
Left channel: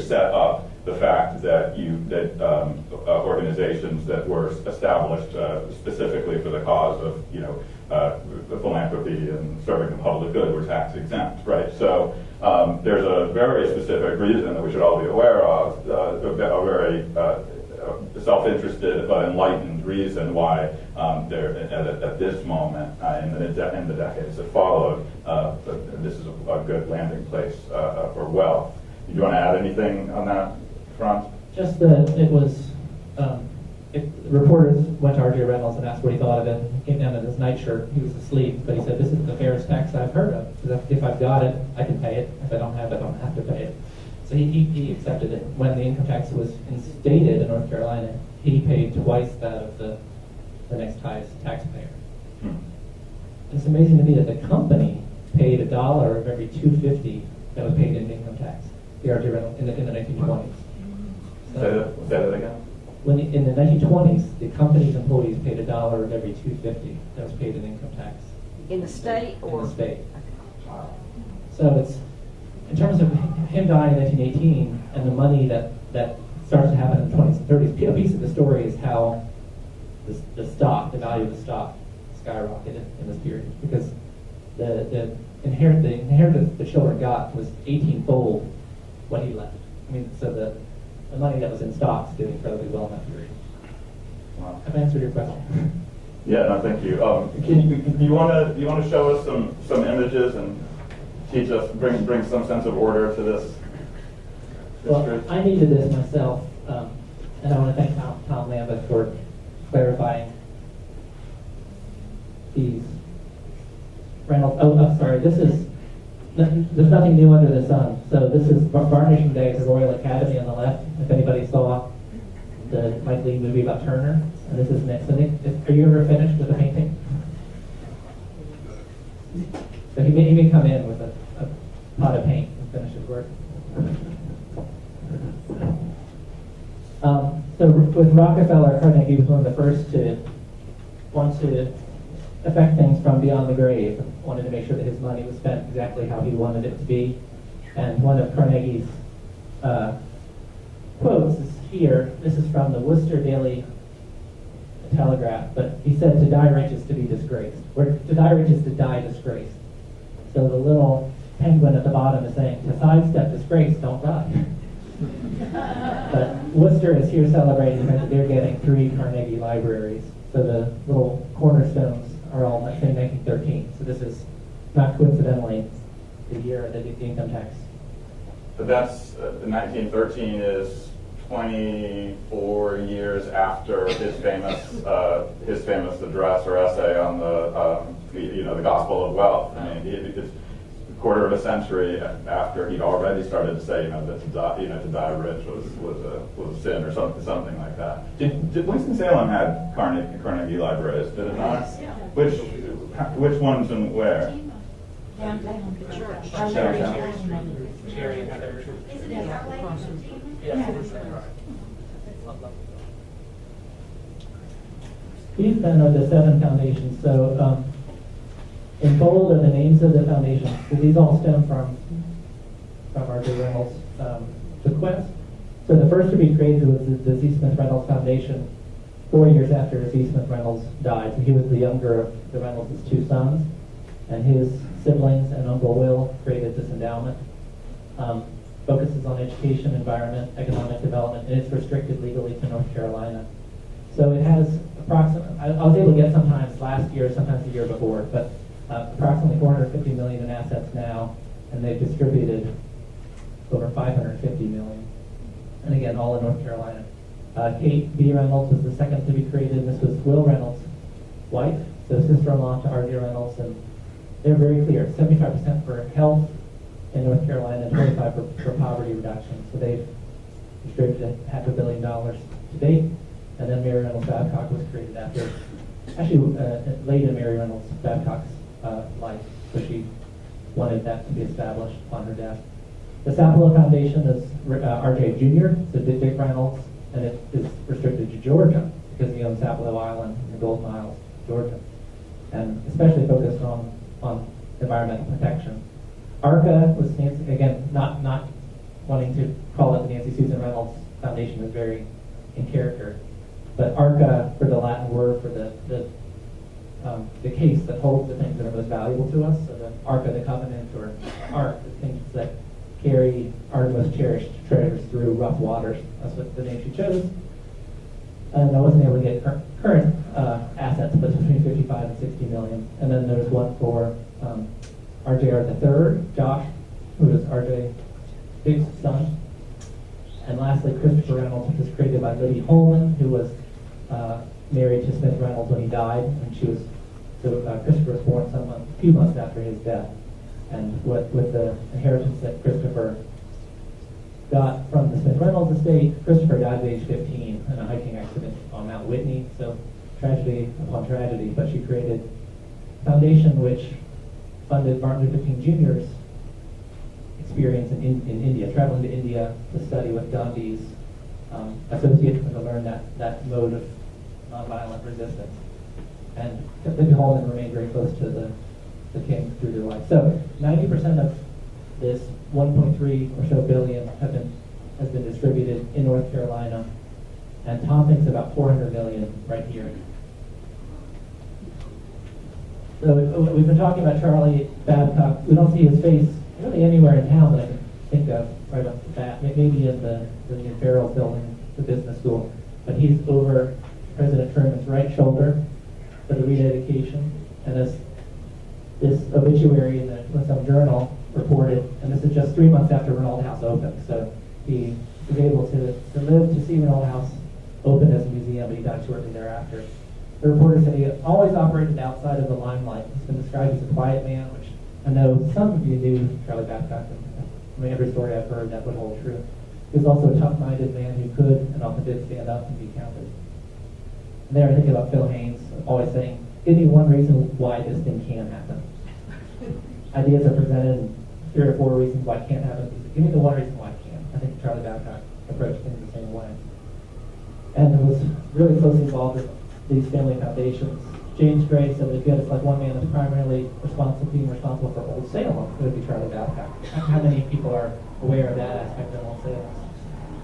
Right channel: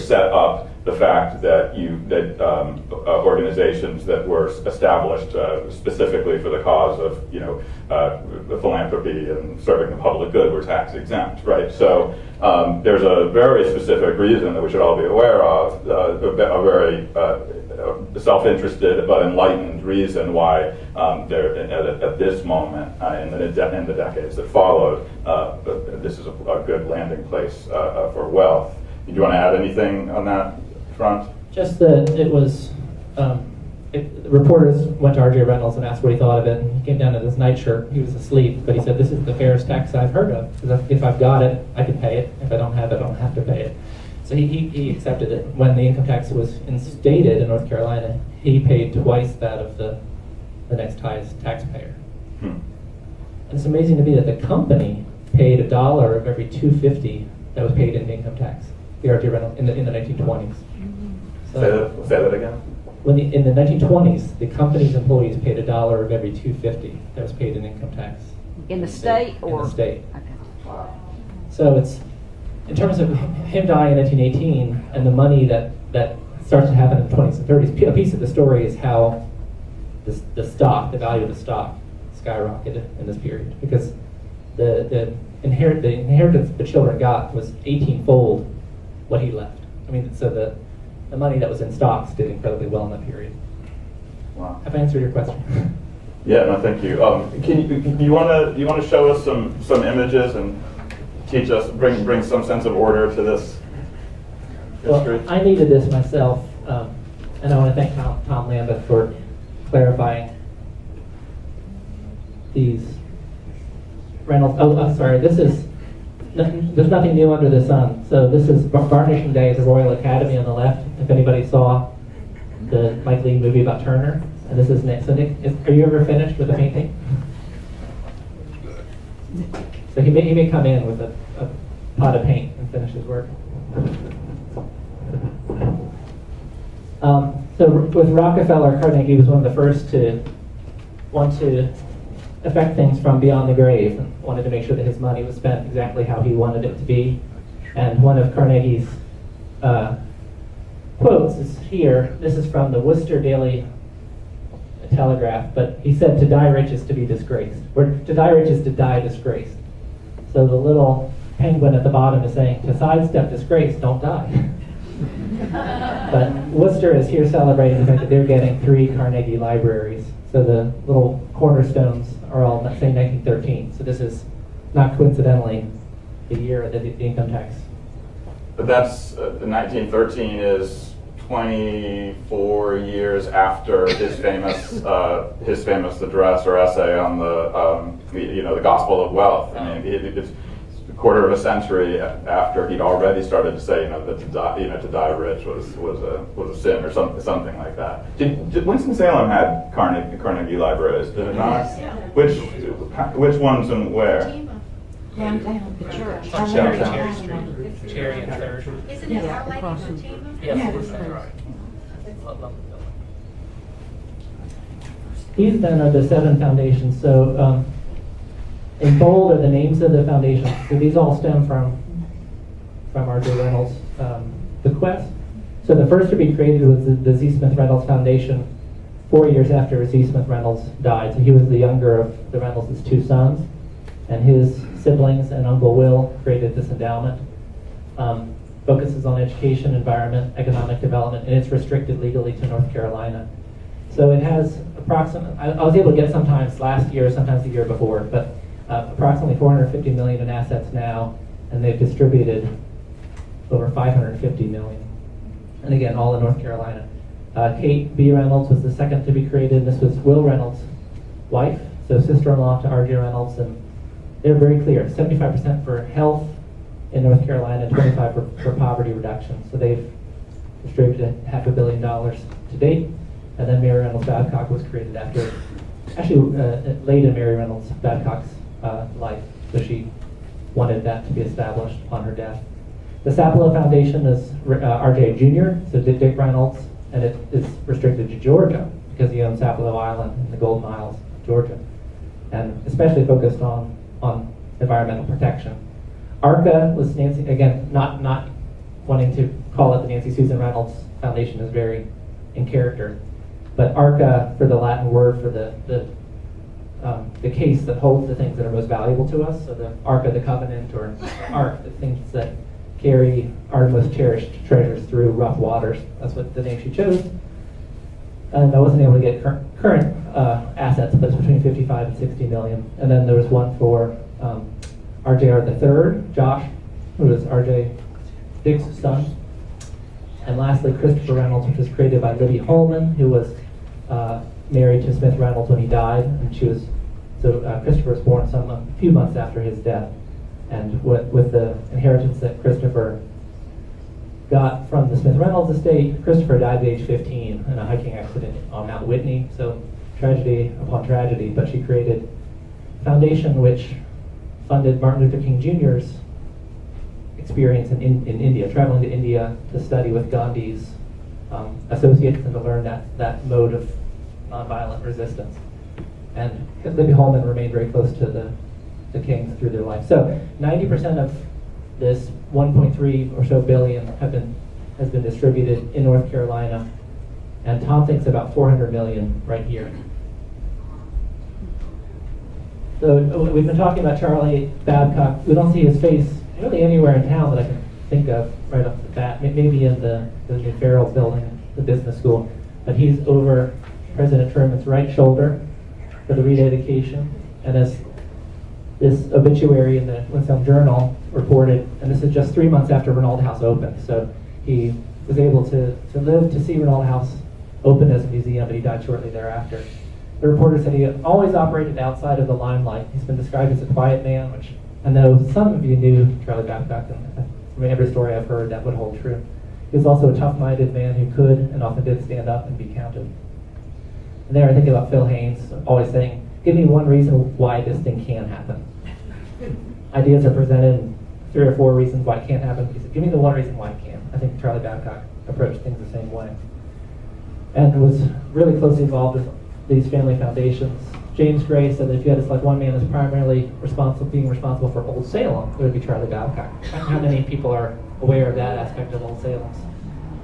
set up the fact that organizations that were established specifically for the cause of philanthropy and serving the public good were tax exempt, right? So there's a very specific reason that we should all be aware of, a very self-interested but enlightened reason why at this moment in the decades that followed, this is a good landing place for wealth. Do you want to add anything on that front? Just that it was, reporters went to R.J. Reynolds and asked what he thought of it. He came down to this nightshirt. He was asleep, but he said, "This is the fairest tax I've heard of. If I've got it, I can pay it. If I don't have it, I don't have to pay it." So he accepted it. When the income tax was instated in North Carolina, he paid twice that of the next highest taxpayer. And it's amazing to me that the company paid $1 of every $2.50 that was paid in income tax. The R.J. Reynolds in the 1920s. So, say that again. In the 1920s, the company's employees paid $1 of every $2.50 that was paid in income tax. In the state or? In the state. Okay. So it's, in terms of him dying in 1918 and the money that starts to happen in the 20s and 30s, a piece of the story is how the value of the stock skyrocketed in this period, because the inheritance the children got was 18-fold what he left. I mean, so the money that was in stocks did incredibly well in that period. Wow. Have I answered your question? Yeah, no, thank you. You want to show us some images and teach us, bring some sense of order to this history? Well, I needed this myself, and I want to thank Tom Lambeth for clarifying these Reynolds. Oh, I'm sorry. This is there's nothing new under the sun. So this is Varnishing Day at the Royal Academy on the left. If anybody saw the Mike Leigh movie about Turner, and this is Nick. So Nick, are you ever finished with a painting? So he may come in with a pot of paint and finish his work. So with Rockefeller, Carnegie was one of the first to want to affect things from beyond the grave, and wanted to make sure that his money was spent exactly how he wanted it to be. And one of Carnegie's quotes is here. This is from the Worcester Daily Telegraph, but he said, "To die rich is to be disgraced," or "To die rich is to die disgraced." So the little penguin at the bottom is saying, to sidestep disgrace, don't die. But Worcester is here celebrating the fact that they're getting 3 Carnegie libraries. So the little cornerstones are all saying 1913. So this is not coincidentally the year of the income tax. But that's 1913 is 24 years after his famous address or essay on the Gospel of Wealth. I mean, it's a quarter of a century after he'd already started to say, that to die rich was a sin or something like that. Did Winston Salem had Carnegie libraries? Did it not? Yes. Yeah. Which ones and where? Downtown, the church. Cherry and Third. Isn't it Our Lady of Fatima? Yes. He's done of the 7 foundations. So in bold are the names of the foundations. So these all stem from R.J. Reynolds' bequest. So the first to be created was the Z. Smith Reynolds Foundation 4 years after Z. Smith Reynolds died. So he was the younger of the Reynolds' 2 sons. And his siblings and Uncle Will created this endowment. Focuses on education, environment, economic development, and it's restricted legally to North Carolina. So it has approximately, I was able to get sometimes last year, sometimes the year before, but approximately $450 million in assets now, and they've distributed over $550 million. And again, all in North Carolina. Kate B. Reynolds was the second to be created. This was Will Reynolds' wife, so sister-in-law to R.J. Reynolds, and they're very clear, 75% for health in North Carolina, and 25% for poverty reduction. So they've distributed $500 million to date. And then Mary Reynolds Babcock was created after, late in Mary Reynolds Babcock's life. So she wanted that to be established upon her death. The Sapelo Foundation is R.J. Jr., so Dick Reynolds, and it is restricted to Georgia because he owns Sapelo Island and the Golden Isles, Georgia, and especially focused on environmental protection. ARCA was Nancy, again, not wanting to call it the Nancy Susan Reynolds Foundation is very in character, but ARCA for the Latin word for the case that holds the things that are most valuable to us. So the Ark of the Covenant, or Ark, the things that carry our most cherished treasures through rough waters. That's what the name she chose. And I wasn't able to get current assets, but it's between 55 and 60 million. And then there was one for RJR III, Josh, who was RJ Dick's son. And lastly, Christopher Reynolds, which was created by Libby Holman, who was married to Smith Reynolds when he died, and she was Christopher was born a few months after his death. And with the inheritance that Christopher got from the Smith Reynolds estate, Christopher died at age 15 in a hiking accident on Mount Whitney. So tragedy upon tragedy. But she created a foundation which funded Martin Luther King Jr.'s experience in India, traveling to India to study with Gandhi's associates and to learn that mode of nonviolent resistance. And Libby Holman remained very close to the King through their life. So 90% of this 1.3 or so billion has been distributed in North Carolina, and Tom thinks about 400 million right here. So we've been talking about Charlie Babcock. We don't see his face really anywhere in town that I can think of right off the bat. Maybe in the new Farrell building, the business school. But he's over President Truman's right shoulder for the rededication. And as this obituary in the Winston Journal reported, and this is just 3 months after Reynolda House opened. So he was able to live to see Reynolda House open as a museum, but he died shortly thereafter. The reporter said he always operated outside of the limelight. He's been described as a quiet man, which I know some of you knew Charlie Babcock, and from every story I've heard, that would hold true. He was also a tough-minded man who could and often did stand up and be counted. And there I think about Phil Haynes always saying, give me one reason why this thing can happen. Ideas are presented in 3 or 4 reasons why it can't happen. He said, give me the one reason why it can. I think Charlie Babcock approached things the same way. And was really closely involved with these family foundations. James Gray said that if you had to select one man that's primarily being responsible for Old Salem, it would be Charlie Babcock. How many people are aware of that aspect of Old Salem's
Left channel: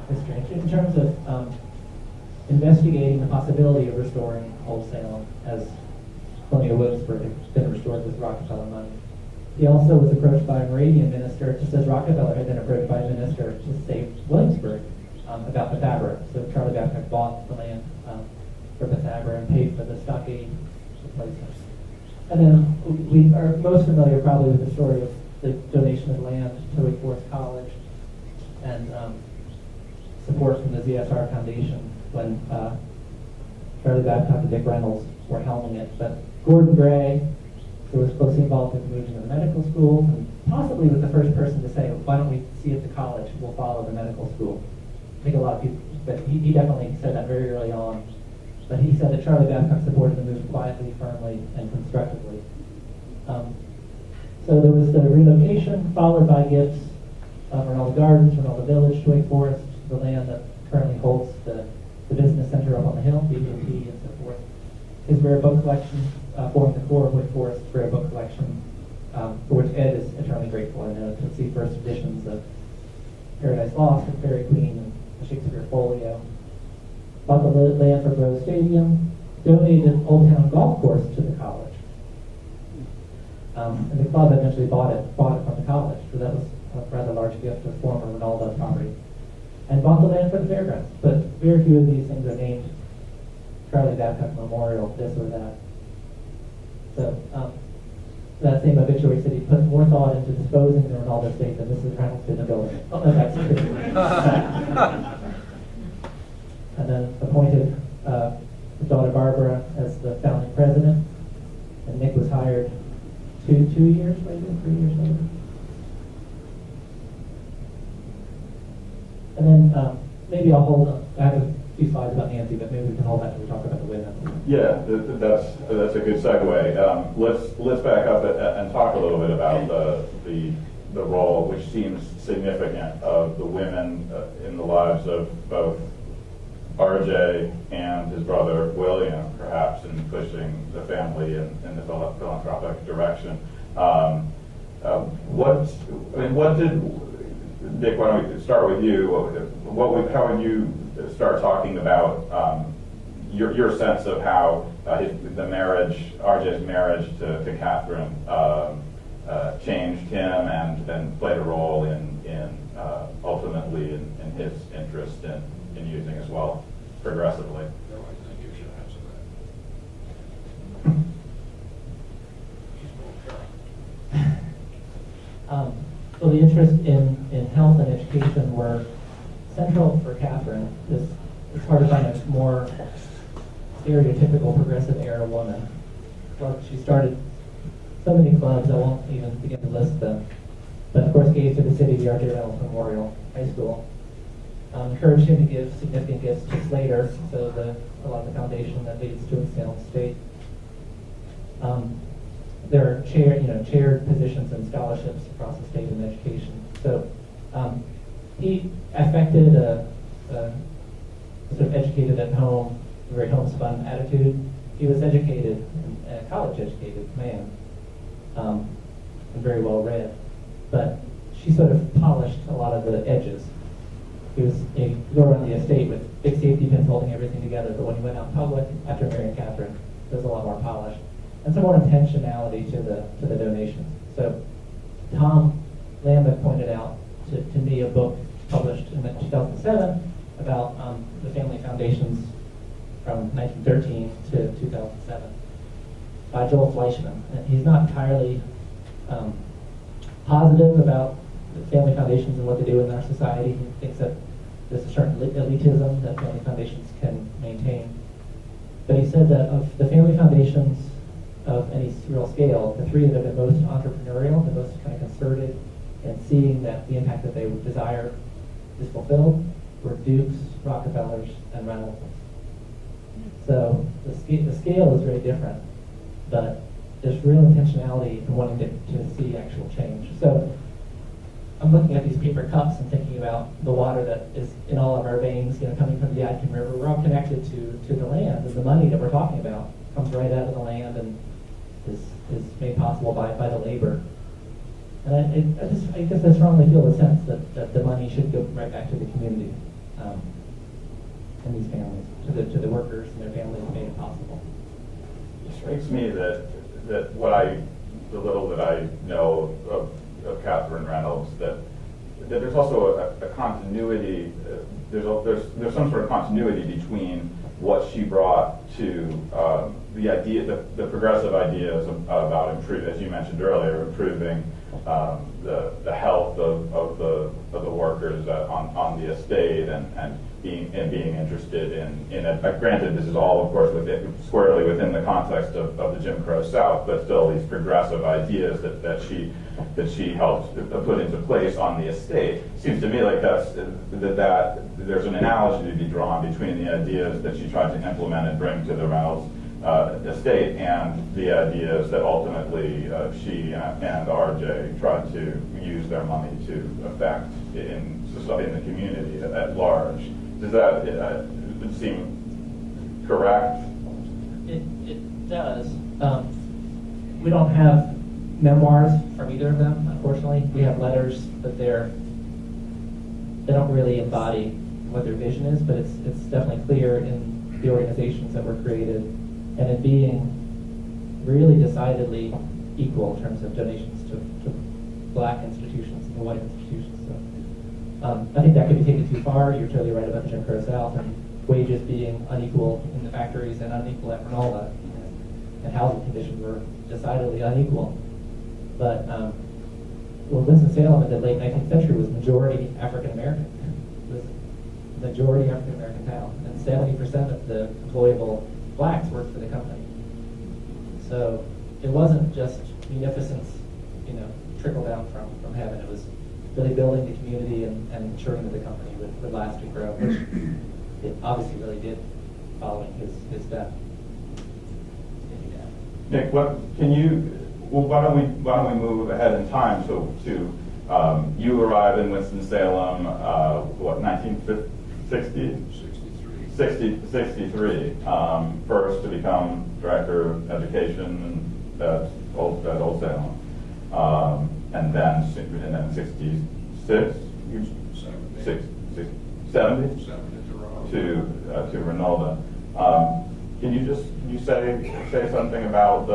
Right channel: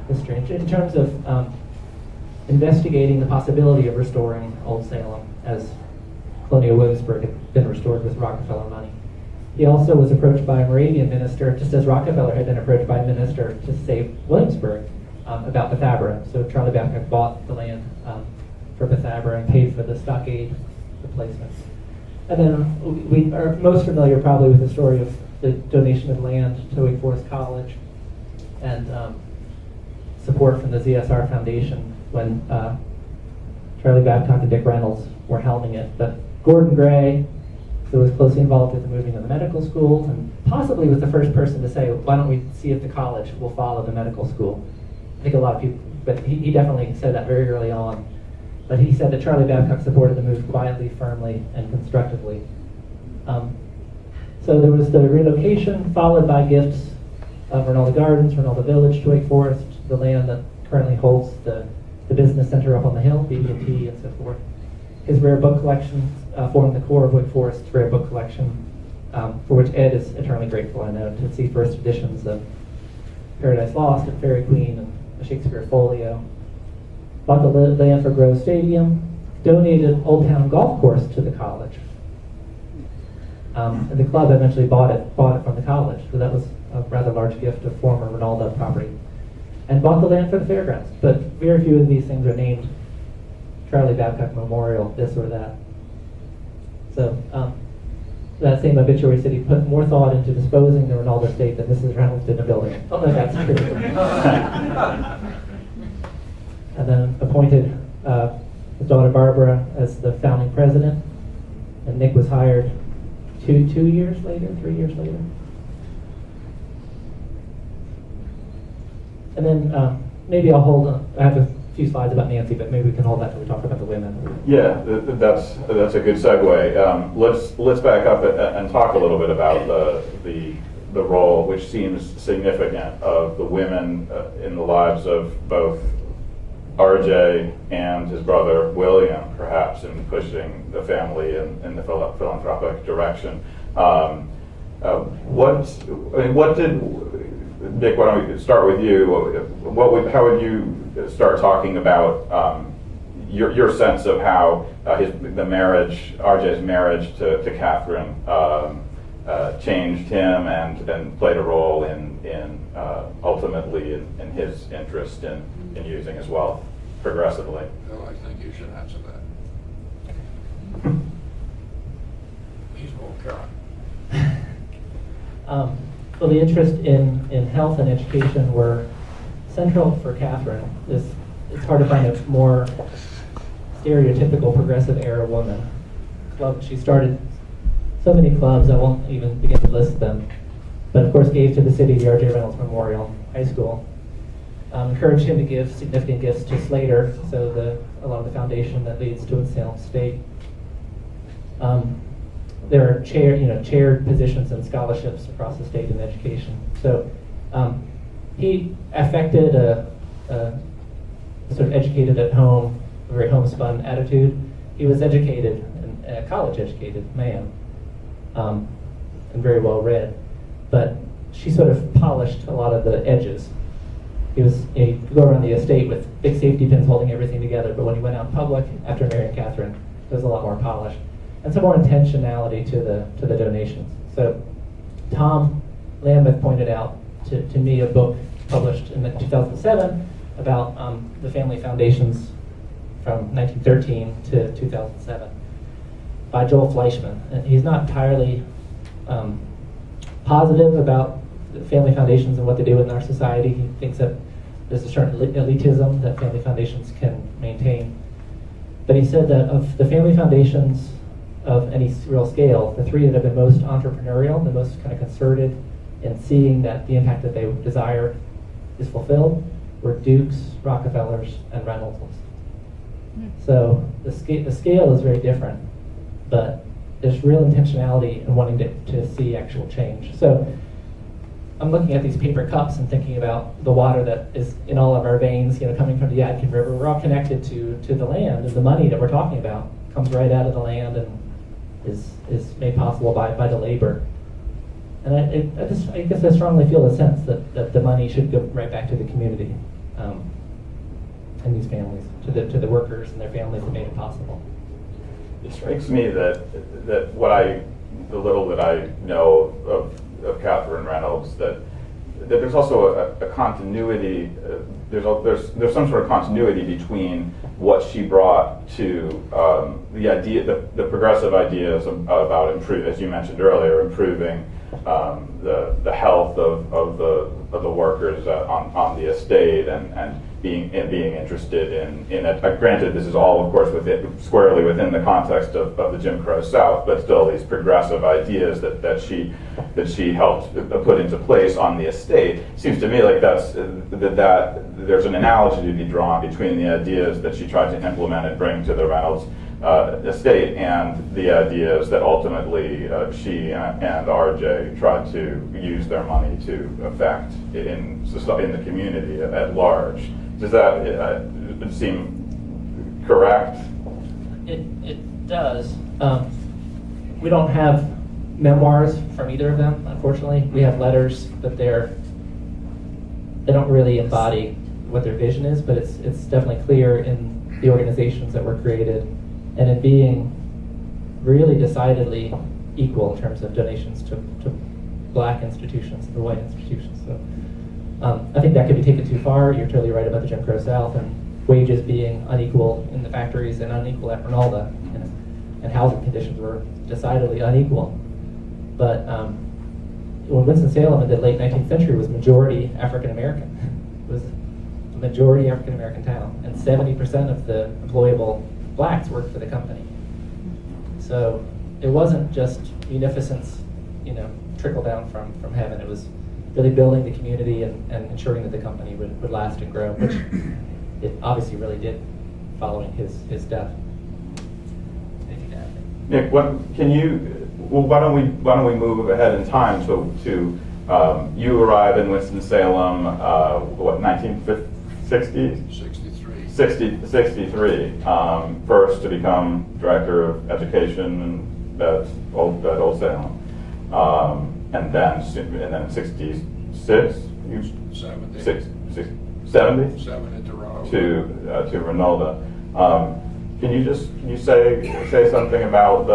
history? In terms of investigating the possibility of restoring Old Salem as Colonial Williamsburg had been restored with Rockefeller money. He also was approached by a Moravian minister, just as Rockefeller had been approached by a minister to save Williamsburg about Bethabara. So Charlie Babcock bought the land for Bethabara and paid for the stockade replacement. And then we are most familiar probably with the story of the donation of land to Wake Forest College and support from the ZSR Foundation when Charlie Babcock and Dick Reynolds were helming it. But Gordon Gray, who was closely involved with the moving of the medical school, and possibly was the first person to say, why don't we see if the college will follow the medical school? I think a lot of people, but he definitely said that very early on. But he said that Charlie Babcock supported the move quietly, firmly, and constructively. So there was the relocation, followed by gifts of Reynolda Gardens, Reynolda Village to Wake Forest, the land that currently holds the business center up on the hill, BB&T, and so forth. His rare book collection formed the core of Wake Forest's rare book collection, for which Ed is eternally grateful, I know, to see first editions of Paradise Lost and Fairy Queen and the Shakespeare Folio. Bought the land for Grove Stadium, donated Old Town Golf Course to the college. And the club eventually bought it from the college, so that was a rather large gift of former Reynolda property. And bought the land for the fairgrounds, but very few of these things are named Charlie Babcock Memorial, this or that. So that same obituary said he put more thought into disposing the Reynolda estate than Mrs. Reynolds did in a building. Oh no, that's true. And then appointed his daughter Barbara as the founding president, and Nick was hired 3 years later. And then maybe I'll hold on. I have a few slides about Nancy, but maybe we can hold that till we talk about the women. Yeah, that's a good segue. Let's back up and talk a little bit about the role, which seems significant, of the women in the lives of both RJ and his brother William, perhaps, in pushing the family in the philanthropic direction. What did Dick? Why don't we start with you? How would you start talking about your sense of how RJ's marriage to Catherine changed him and played a role in ultimately in his interest in using his wealth progressively? Well, I think you should answer that. She's more current. Well, the interest in health and education were central for Catherine. It's hard to find a more stereotypical progressive era woman. Well, she started so many clubs, I won't even begin to list them, but of course gave to the city the R.J. Reynolds Memorial High School. Encouraged him to give significant gifts to Slater, so a lot of the foundation that leads to its Salem State. There are chaired positions and scholarships across the state in education. So he affected a sort of educated at home, a very homespun attitude. He was educated, a college-educated man, and very well read. But she sort of polished a lot of the edges. He'd go around the estate with big safety pins holding everything together, but when he went out in public after marrying Catherine, there was a lot more polish and some more intentionality to the donations. So Tom Lambeth pointed out to me a book published in 2007 about the family foundations from 1913 to 2007 by Joel Fleischman. And he's not entirely positive about the family foundations and what they do in our society. He thinks that there's a certain elitism that family foundations can maintain. But he said that of the family foundations of any real scale, the three that have been most entrepreneurial, the most kind of concerted in seeing that the impact that they desire is fulfilled, were Dukes, Rockefellers, and Reynolds. So the scale is very different, but there's real intentionality in wanting to see actual change. So I'm looking at these paper cups and thinking about the water that is in all of our veins, coming from the Yadkin River. We're all connected to the land, and the money that we're talking about comes right out of the land and is made possible by the labor. And I guess I strongly feel the sense that the money should go right back to the community and these families, to the workers and their families that made it possible. It strikes me that the little that I know of Catherine Reynolds, that there's also a continuity. There's some sort of continuity between what she brought to the idea, the progressive ideas about improving, as you mentioned earlier, improving the health of the workers on the estate and being interested in it. Granted, this is all, of course, squarely within the context of the Jim Crow South, but still these progressive ideas that she helped put into place on the estate. Seems to me like that there's an analogy to be drawn between the ideas that she tried to implement and bring to the Reynolds estate and the ideas that ultimately she and RJ tried to use their money to affect in the community at large. Does that seem correct? It does. We don't have memoirs from either of them, unfortunately. We have letters, but they don't really embody what their vision is, but it's definitely clear in the organizations that were created and in being really decidedly equal in terms of donations to black institutions and the white institutions. So I think that could be taken too far. You're totally right about the Jim Crow South and wages being unequal in the factories and unequal at Reynolda, and housing conditions were decidedly unequal. But when Winston-Salem in the late 19th century was majority African American, it was a majority African American town, and 70% of the employable blacks worked for the company. So it wasn't just munificence, trickle down from heaven. It was really building the community and ensuring that the company would last and grow, which it obviously really did following his death. Thank you, Dad. Nick, why don't we move ahead in time to you arrive in Winston-Salem, 1960? 63. First to become director of education at Old Salem, and then 66. 70 to Reynolda. Can you say something about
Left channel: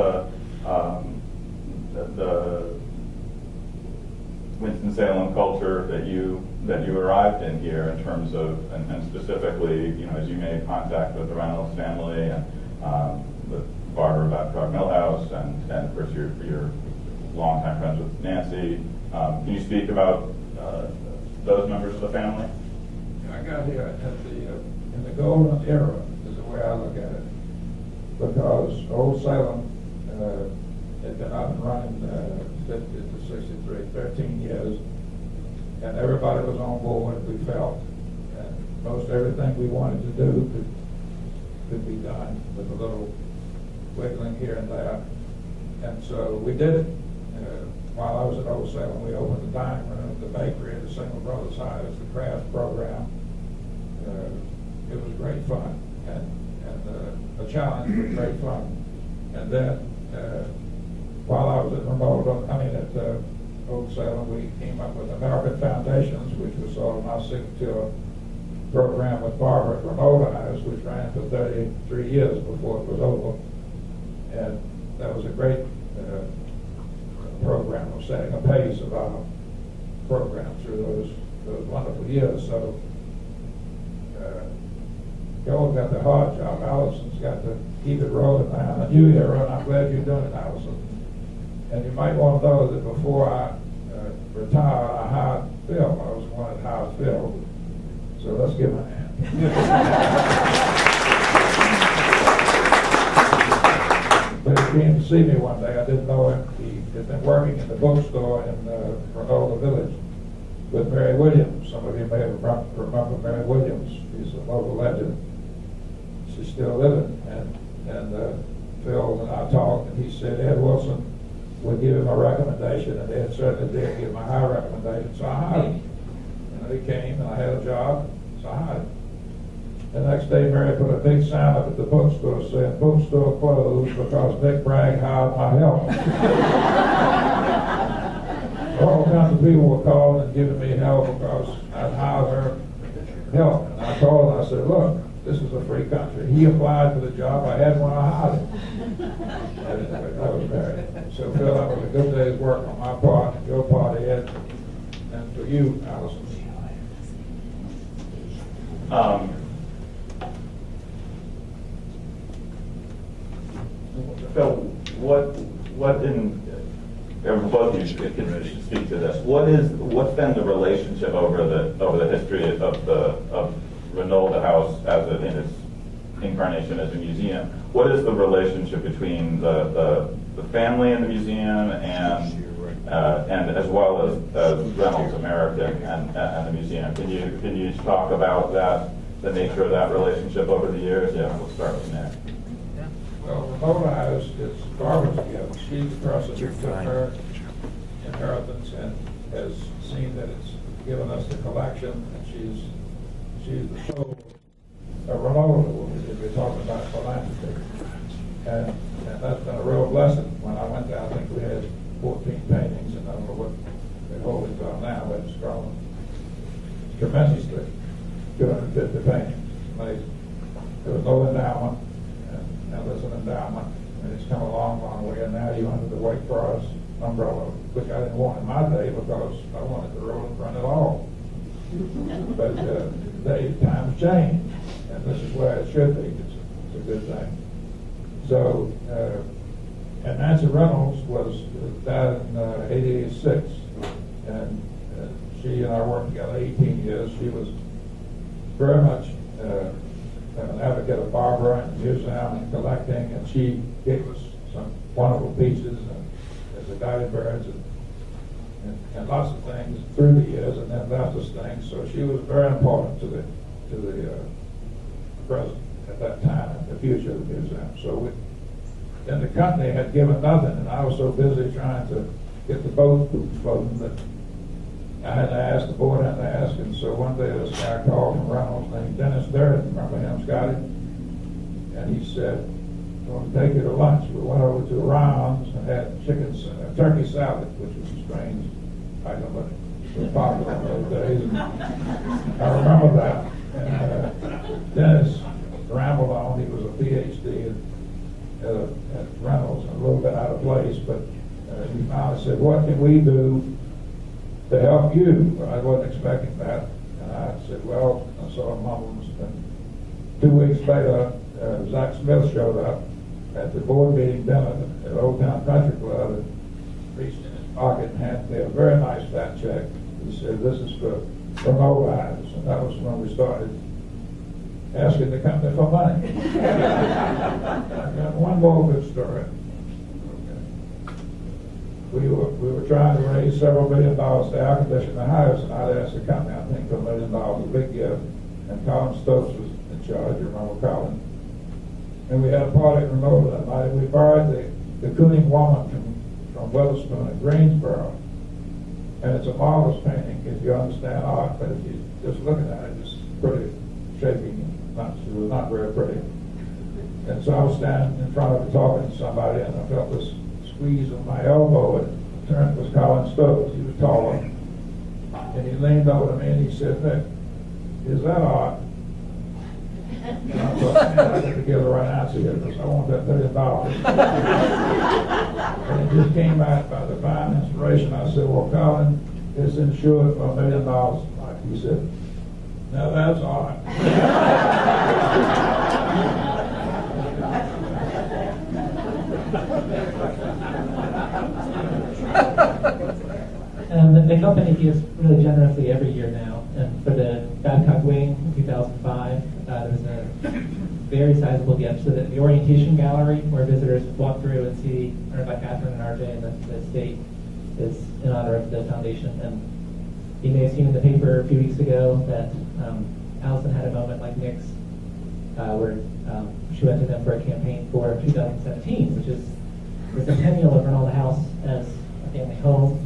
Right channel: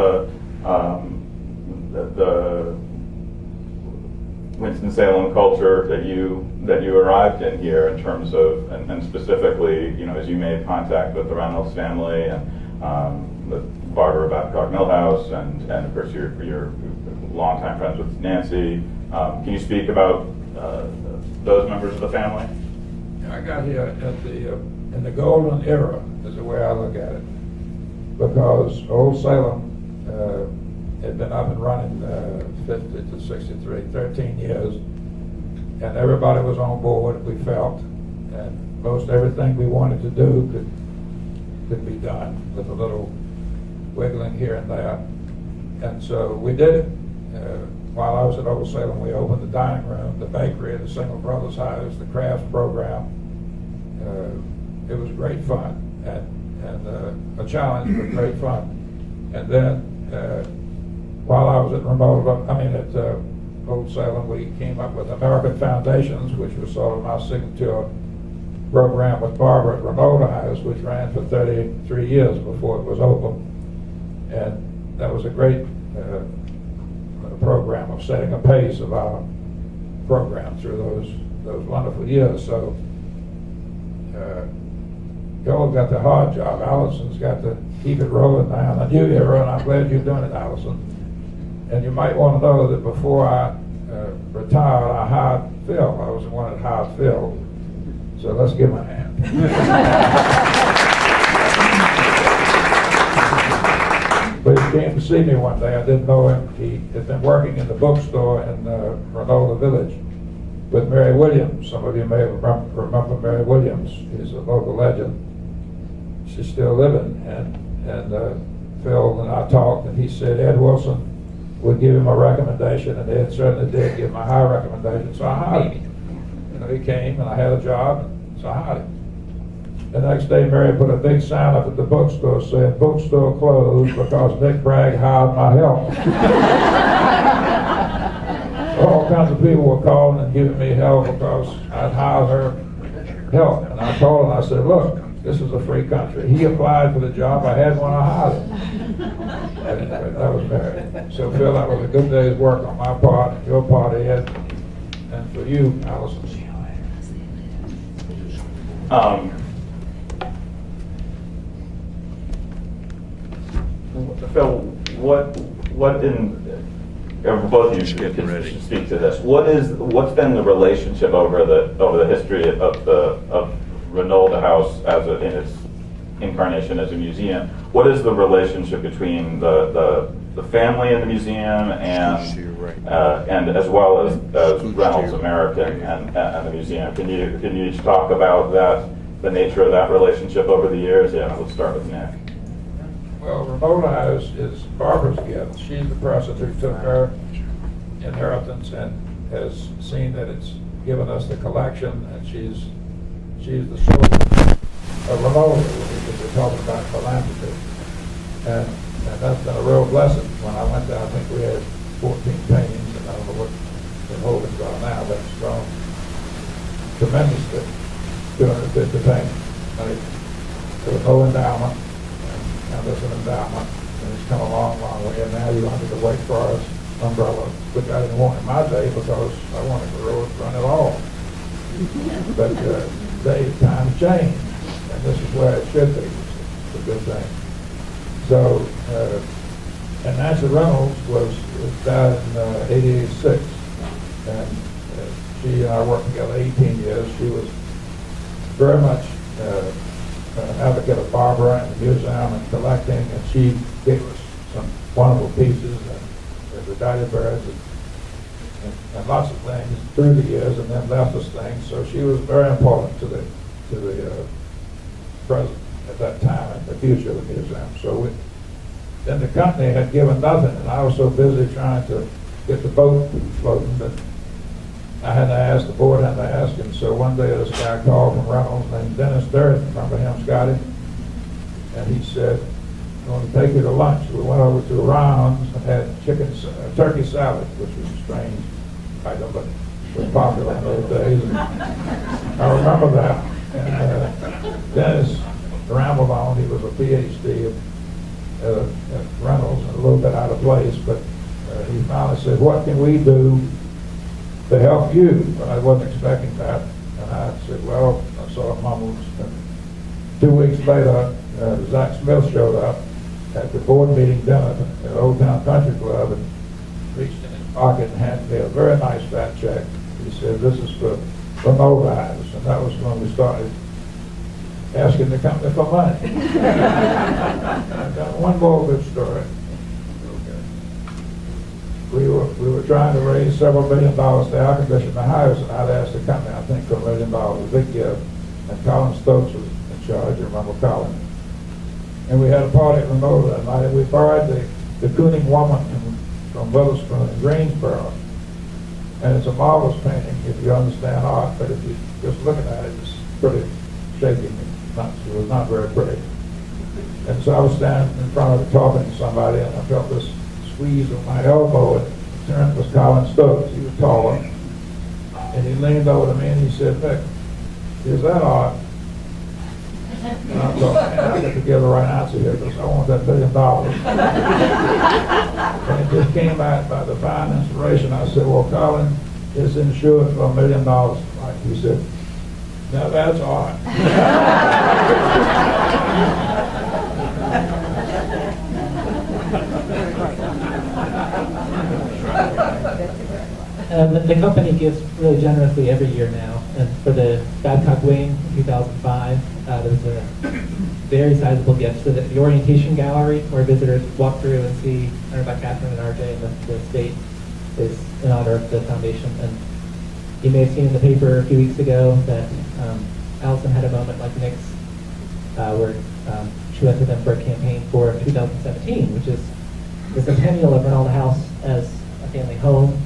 the Winston-Salem culture that you arrived in here in terms of, and specifically, as you made contact with the Reynolds family and with Barbara Babcock Millhouse, and of course your longtime friends with Nancy. Can you speak about those members of the family? I got here in the golden era, is the way I look at it, because Old Salem had been up and running 50 to 63, 13 years, and everybody was on board, we felt, and most everything we wanted to do could be done with a little wiggling here and there. And so we did it. While I was at Old Salem, we opened the dining room, the bakery, the Single Brothers House, the crafts program. It was great fun and a challenge, but great fun. And then while I was at Old Salem, we came up with American Foundations, which was sort of my signature program with Barbara at Reynolda House, which ran for 33 years before it was over. And that was a great program of setting a pace of our program through those wonderful years. So Bill got the hard job. Allison's got to keep it rolling now. The new era, and I'm glad you're doing it, Allison. And you might want to know that before I retired, I hired Phil. I was the one that hired Phil. So let's give him a hand. But came to see me one day. I didn't know him. He had been working in the bookstore in Reynolda Village with Mary Williams. Some of you may remember Mary Williams. She's a local legend. She's still living. And Phil and I talked, and he said Ed Wilson would give him a recommendation, and Ed certainly did give him a high recommendation. So I hired him. He came, and I had a job, so I hired him. The next day, Mary put a big sign up at the bookstore saying, "Bookstore closed because Nick Bragg hired my help." All kinds of people were calling and giving me help because I'd hired her help. And I told him, I said, "Look, this is a free country." He applied for the job. I had one. I hired him. Anyway, that was Mary. So, Phil, that was a good day's work on my part, your part, Ed, and for you, Allison. Phil, what in both of you should speak to this. What's been the relationship over the history of Reynolda House in its incarnation as a museum? What is the relationship between the family in the museum and as well as Reynolds American and the museum? Can you each talk about the nature of that relationship over the years? Yeah, we'll start with Nick. Well, Reynolda House is Barbara's gift. She's the person who took her inheritance and has seen that it's given us the collection, and she's the soul of Reynolda, because we're talking about philanthropy. And that's been a real blessing. When I went there, I think we had 14 paintings, and I don't know what the holdings are now, but it's grown tremendously, 250 paintings. There was no endowment. Now there's an endowment, and it's come a long, long way. And now you're under the Wakeford umbrella, which I didn't want in my day because I wanted the road to run it all. But times change, and this is where it should be. It's a good thing. So, and Nancy Reynolds died in '86, and she and I worked together 18 years. She was very much advocate of Barbara and the museum and collecting, and she gave us some wonderful pieces and the Dahlia birds and lots of things through the years, and then left us things. So she was very important to the present at that time and the future of the museum. So then the company had given nothing, and I was so busy trying to get the boat floating that I had to ask, the board had to ask, and so one day this guy called from Reynolds named Dennis Durden, remember him, Scotty? And he said, "I'm going to take you to lunch." We went over to Ron's and had turkey salad, which was a strange item, but it was popular in those days. And I remember that. And Dennis rambled on. He was a PhD at Reynolds and a little bit out of place, but he finally said, "What can we do to help you?" I wasn't expecting that. And I said, "Well," I saw him humbled. 2 weeks later, Zach Smith showed up at the board meeting dinner at Old Town Country Club and reached in his pocket and handed me a very nice fat check. He said, "This is for Reynolda House." And that was when we started asking the company for money. I've got one more good story. We were trying to raise several $1 million to air condition the house, and I'd asked the company, I think, for $1 million, a big gift. And Colin Stokes was in charge, you remember Colin. And we had a party at Reynolda that night, and we borrowed the Cooning Woman from Witherspoon in Greensboro. And it's a marvelous painting if you understand art, but if you just looking at it, it's pretty shaky. It was not very pretty. And so I was standing in front of it talking to somebody, and I felt this squeeze of my elbow, and it turned was Colin Stokes. He was taller. And he leaned over to me and he said, "Nick, is that art?" And I thought, man, I got to give the right answer here because I want that $1 million. And it just came out by divine inspiration. I said, "Well, Colin, it's insured for $1 million. Like he said, "Now that's art." And the company gives really generously every year now. And for the Babcock Wing in 2005, there was a very sizable gift. So that the orientation gallery, where visitors walk through and see, owned by Catherine and RJ and the estate, is in honor of the foundation. And you may have seen in the paper a few weeks ago that Allison had a moment like Nick's, where she went to them for a campaign for 2017, which is the centennial of Reynolda House as a family home,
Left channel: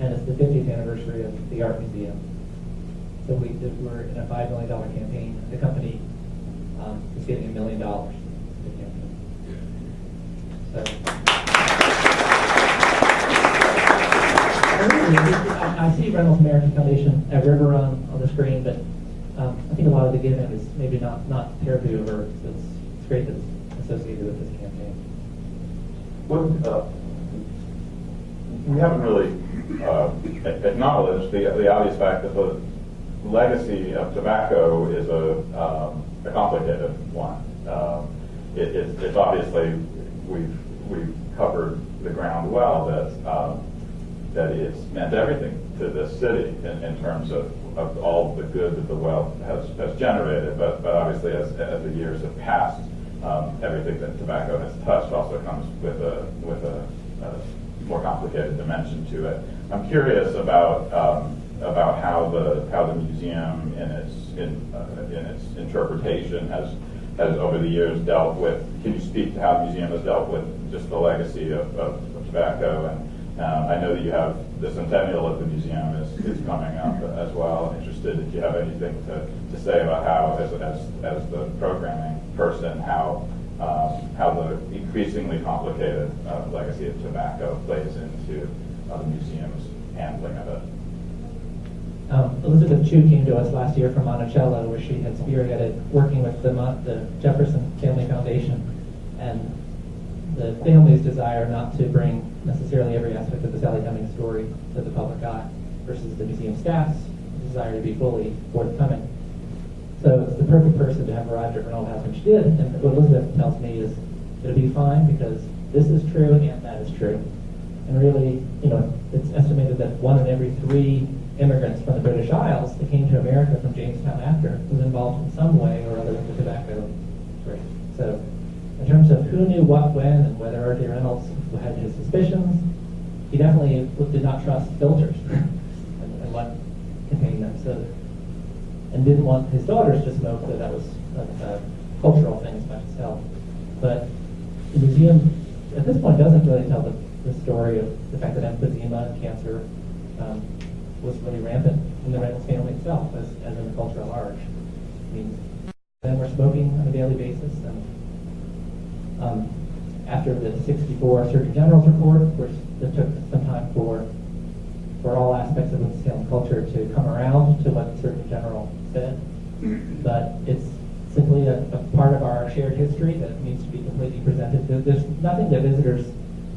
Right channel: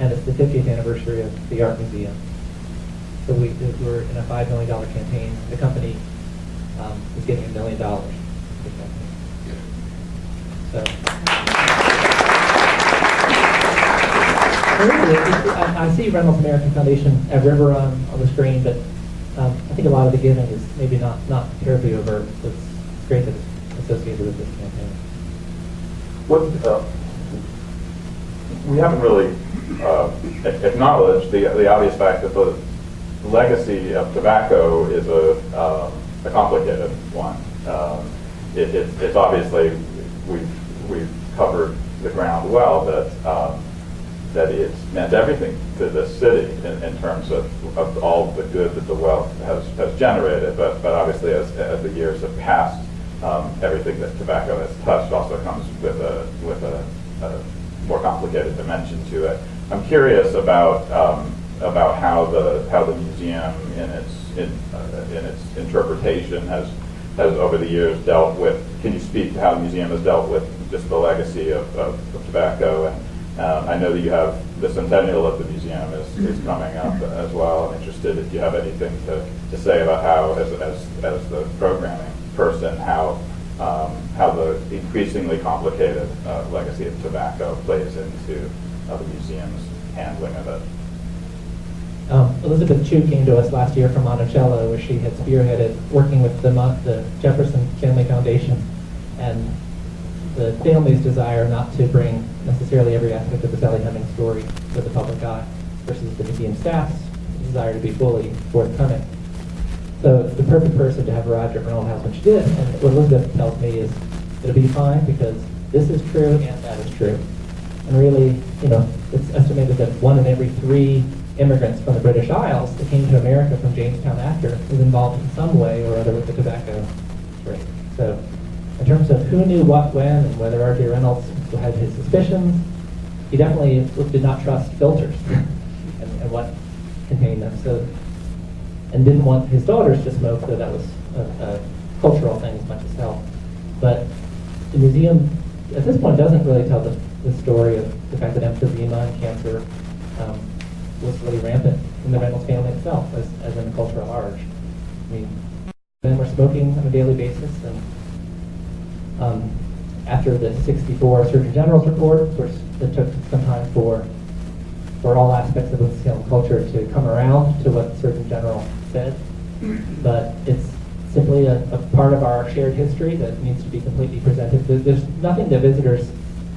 and it's the 50th anniversary of the Art Museum. So we were in a $5 million campaign. The company is getting $1 million for the campaign. So. I see Reynolds American Foundation at River on the screen, but I think a lot of the giving is maybe not terribly overt. So it's great that it's associated with this campaign. We haven't really acknowledged the obvious fact that the legacy of tobacco is a complicated one. It's obviously we've covered the ground well that it's meant everything to this city in terms of all the good that the wealth has generated. But obviously, as the years have passed, everything that tobacco has touched also comes with a more complicated dimension to it. I'm curious about how the museum in its interpretation has over the years dealt with. Can you speak to how the museum has dealt with just the legacy of tobacco? And I know that you have the centennial of the museum is coming up as well. I'm interested if you have anything to say about how, as the programming person, how the increasingly complicated legacy of tobacco plays into the museum's handling of it. Elizabeth Chu came to us last year from Monticello, where she had spearheaded working with the Jefferson Family Foundation, and the family's desire not to bring necessarily every aspect of the Sally Hemings story to the public eye versus the museum staff's desire to be fully forthcoming. So it's the perfect person to have arrived at Reynolda House when she did. And what Elizabeth tells me is it'll be fine because this is true and that is true. And really, it's estimated that 1 in every 3 immigrants from the British Isles that came to America from Jamestown after was involved in some way or other with the tobacco trade. So in terms of who knew what when and whether R.J. Reynolds had his suspicions, he definitely did not trust filters and what contained them. So, and didn't want his daughters to smoke, so that was a cultural thing as much as health. But the museum, at this point, doesn't really tell the story of the fact that emphysema and cancer was really rampant in the Reynolds family itself, as in the culture at large. I mean, men were smoking on a daily basis, and after the '64 Surgeon General's report, of course, it took some time for all aspects of Winston-Salem culture to come around to what the Surgeon General said, but it's simply a part of our shared history that needs to be completely presented. There's nothing that visitors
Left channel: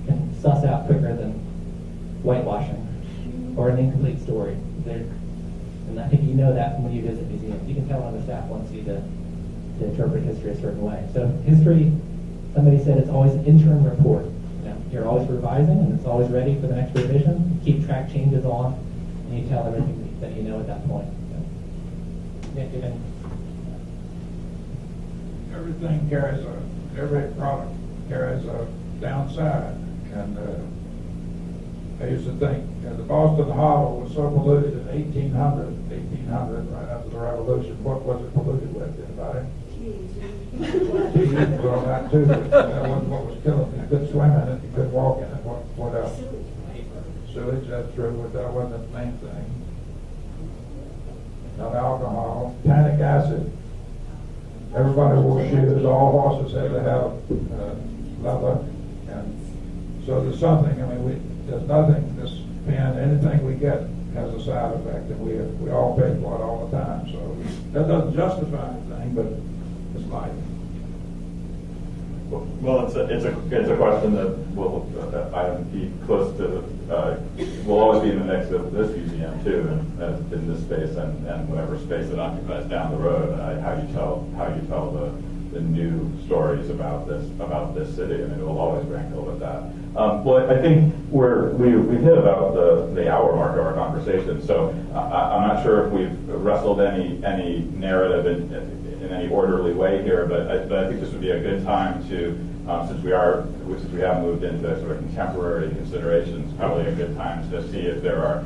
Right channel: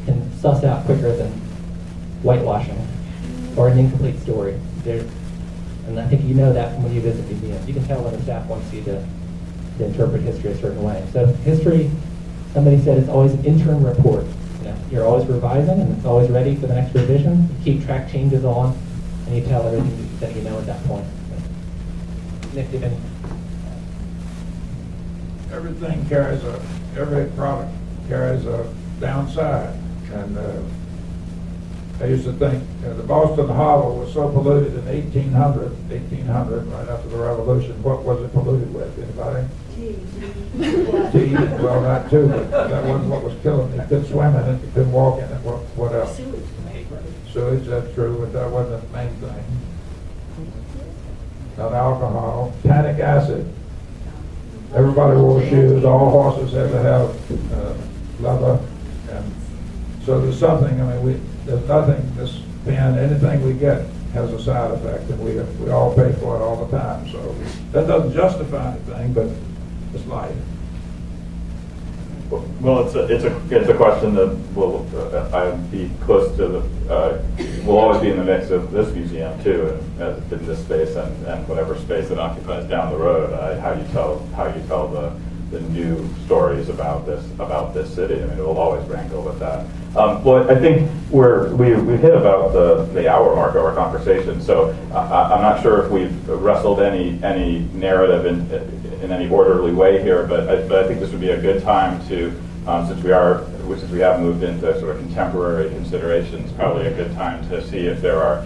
can suss out quicker than whitewashing or an incomplete story. And I think you know that when you visit museums. You can tell when the staff wants you to interpret history a certain way. So history, somebody said, it's always an interim report. You're always revising, and it's always ready for the next revision. You keep track changes on, and you tell everything that you know at that point. Nick, do you have any? Everything every product carries a downside. And I used to think the Boston Hollow was so polluted in 1800, right after the Revolution. What was it polluted with? Anybody? Tea. Well, that too, but that wasn't what was killing me. You couldn't swim in it, you couldn't walk in it. What else? Sewage, that's true, but that wasn't the main thing. Not alcohol. Tannic acid. Everybody wore shoes. All horses had to have leather. And so there's something, there's nothing, this pen, anything we get has a side effect, and we all pay for it all the time. So that doesn't justify anything, but it's life. Well, it's a question that will be close to will always be in the mix of this museum too, and in this space and whatever space it occupies down the road. How you tell the new stories about this city. It will always wrangle with that. Well, I think we've hit about the hour mark of our conversation, so I'm not sure if we've wrestled any narrative in any orderly way here, but I think this would be a good time to, since we have moved into sort of contemporary considerations, probably a good time to see if there are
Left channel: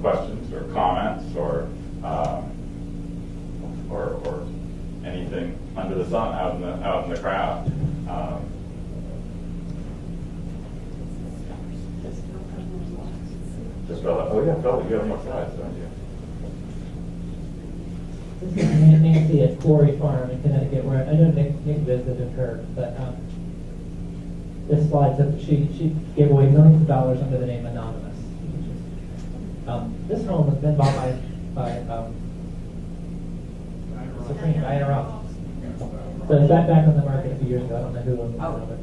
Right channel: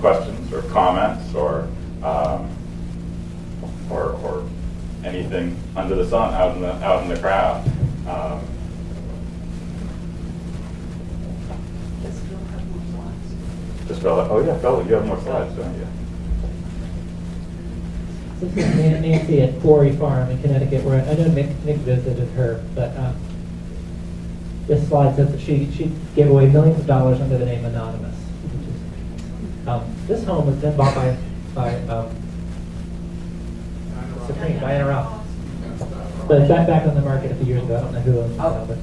questions or comments or anything under the sun out in the crowd. Just Phil, oh yeah, Phil, you have more slides, don't you? This is Nancy at Quarry Farm in Connecticut, where I know Nick visited her, but this slide says that she gave away millions of dollars under the name Anonymous. This home has been bought by Supreme, Diana Ross. But it's back on the market a few years ago. I don't know who owns it now, but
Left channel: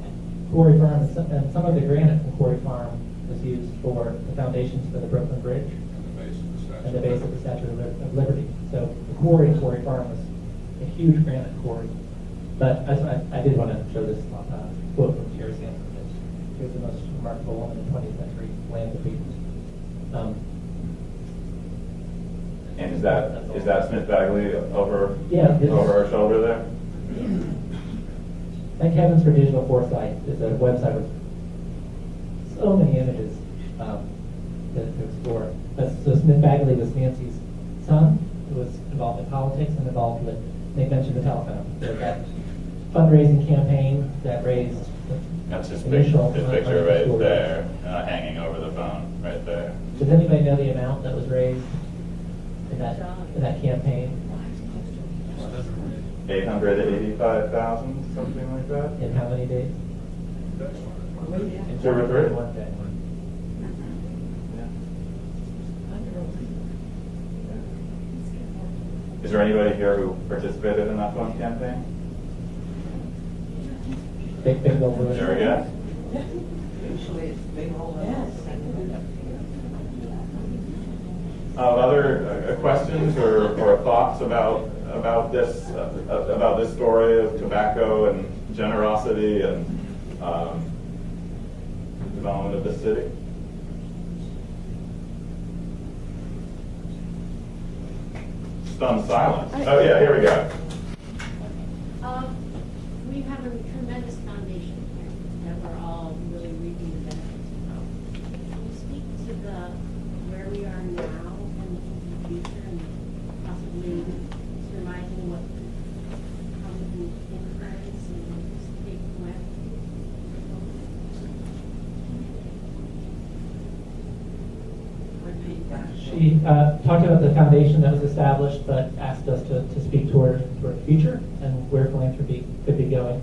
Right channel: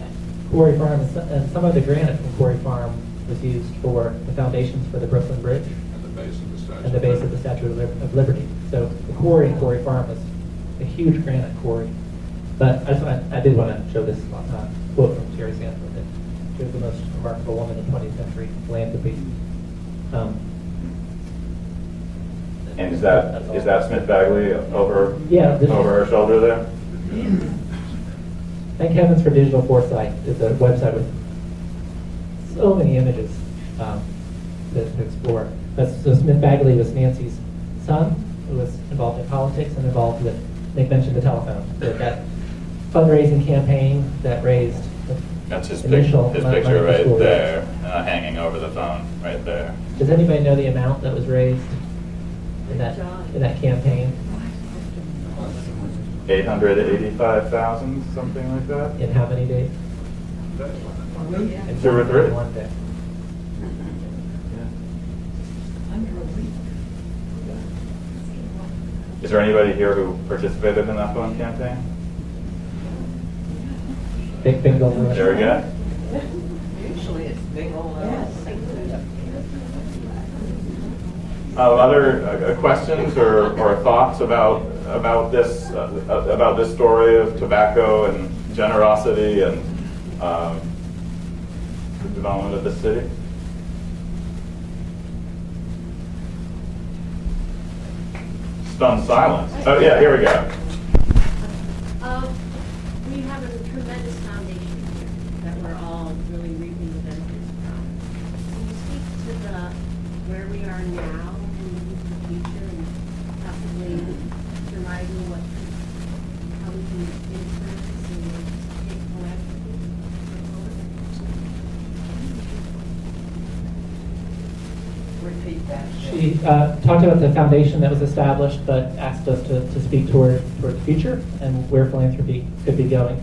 Quarry Farm and some of the granite from Quarry Farm was used for the foundations for the Brooklyn Bridge and the base of the Statue of Liberty. So the quarry in Quarry Farm is a huge granite quarry. But I did want to show this quote from Terry Sanford that she was the most remarkable woman in 20th century philanthropy. And is that Smith Bagley over her shoulder there? Thank heavens for digital foresight. It's a website with so many images to explore. So Smith Bagley was Nancy's son, who was involved in politics and involved with, Nick mentioned the telephone. So that fundraising campaign that raised That's his initial picture right school. there, hanging over the phone right there. Does anybody know the amount that was raised in that campaign? 885,000, something like that. In how many days? In 2 or 3. one day. Is there anybody here who participated in that phone campaign? Big goal. There we go. Usually it's big old. Other questions or thoughts about this story of tobacco and generosity and the development of the city? Stunned silence. Oh yeah, here we go. We have a tremendous foundation here that we're all really reaping the benefits from. Can you speak to where we are now and looking to the future and possibly surmising how we can influence and take philanthropy forward? Repeat that. She talked about the foundation that was established, but asked us to speak toward the future and where philanthropy could be going.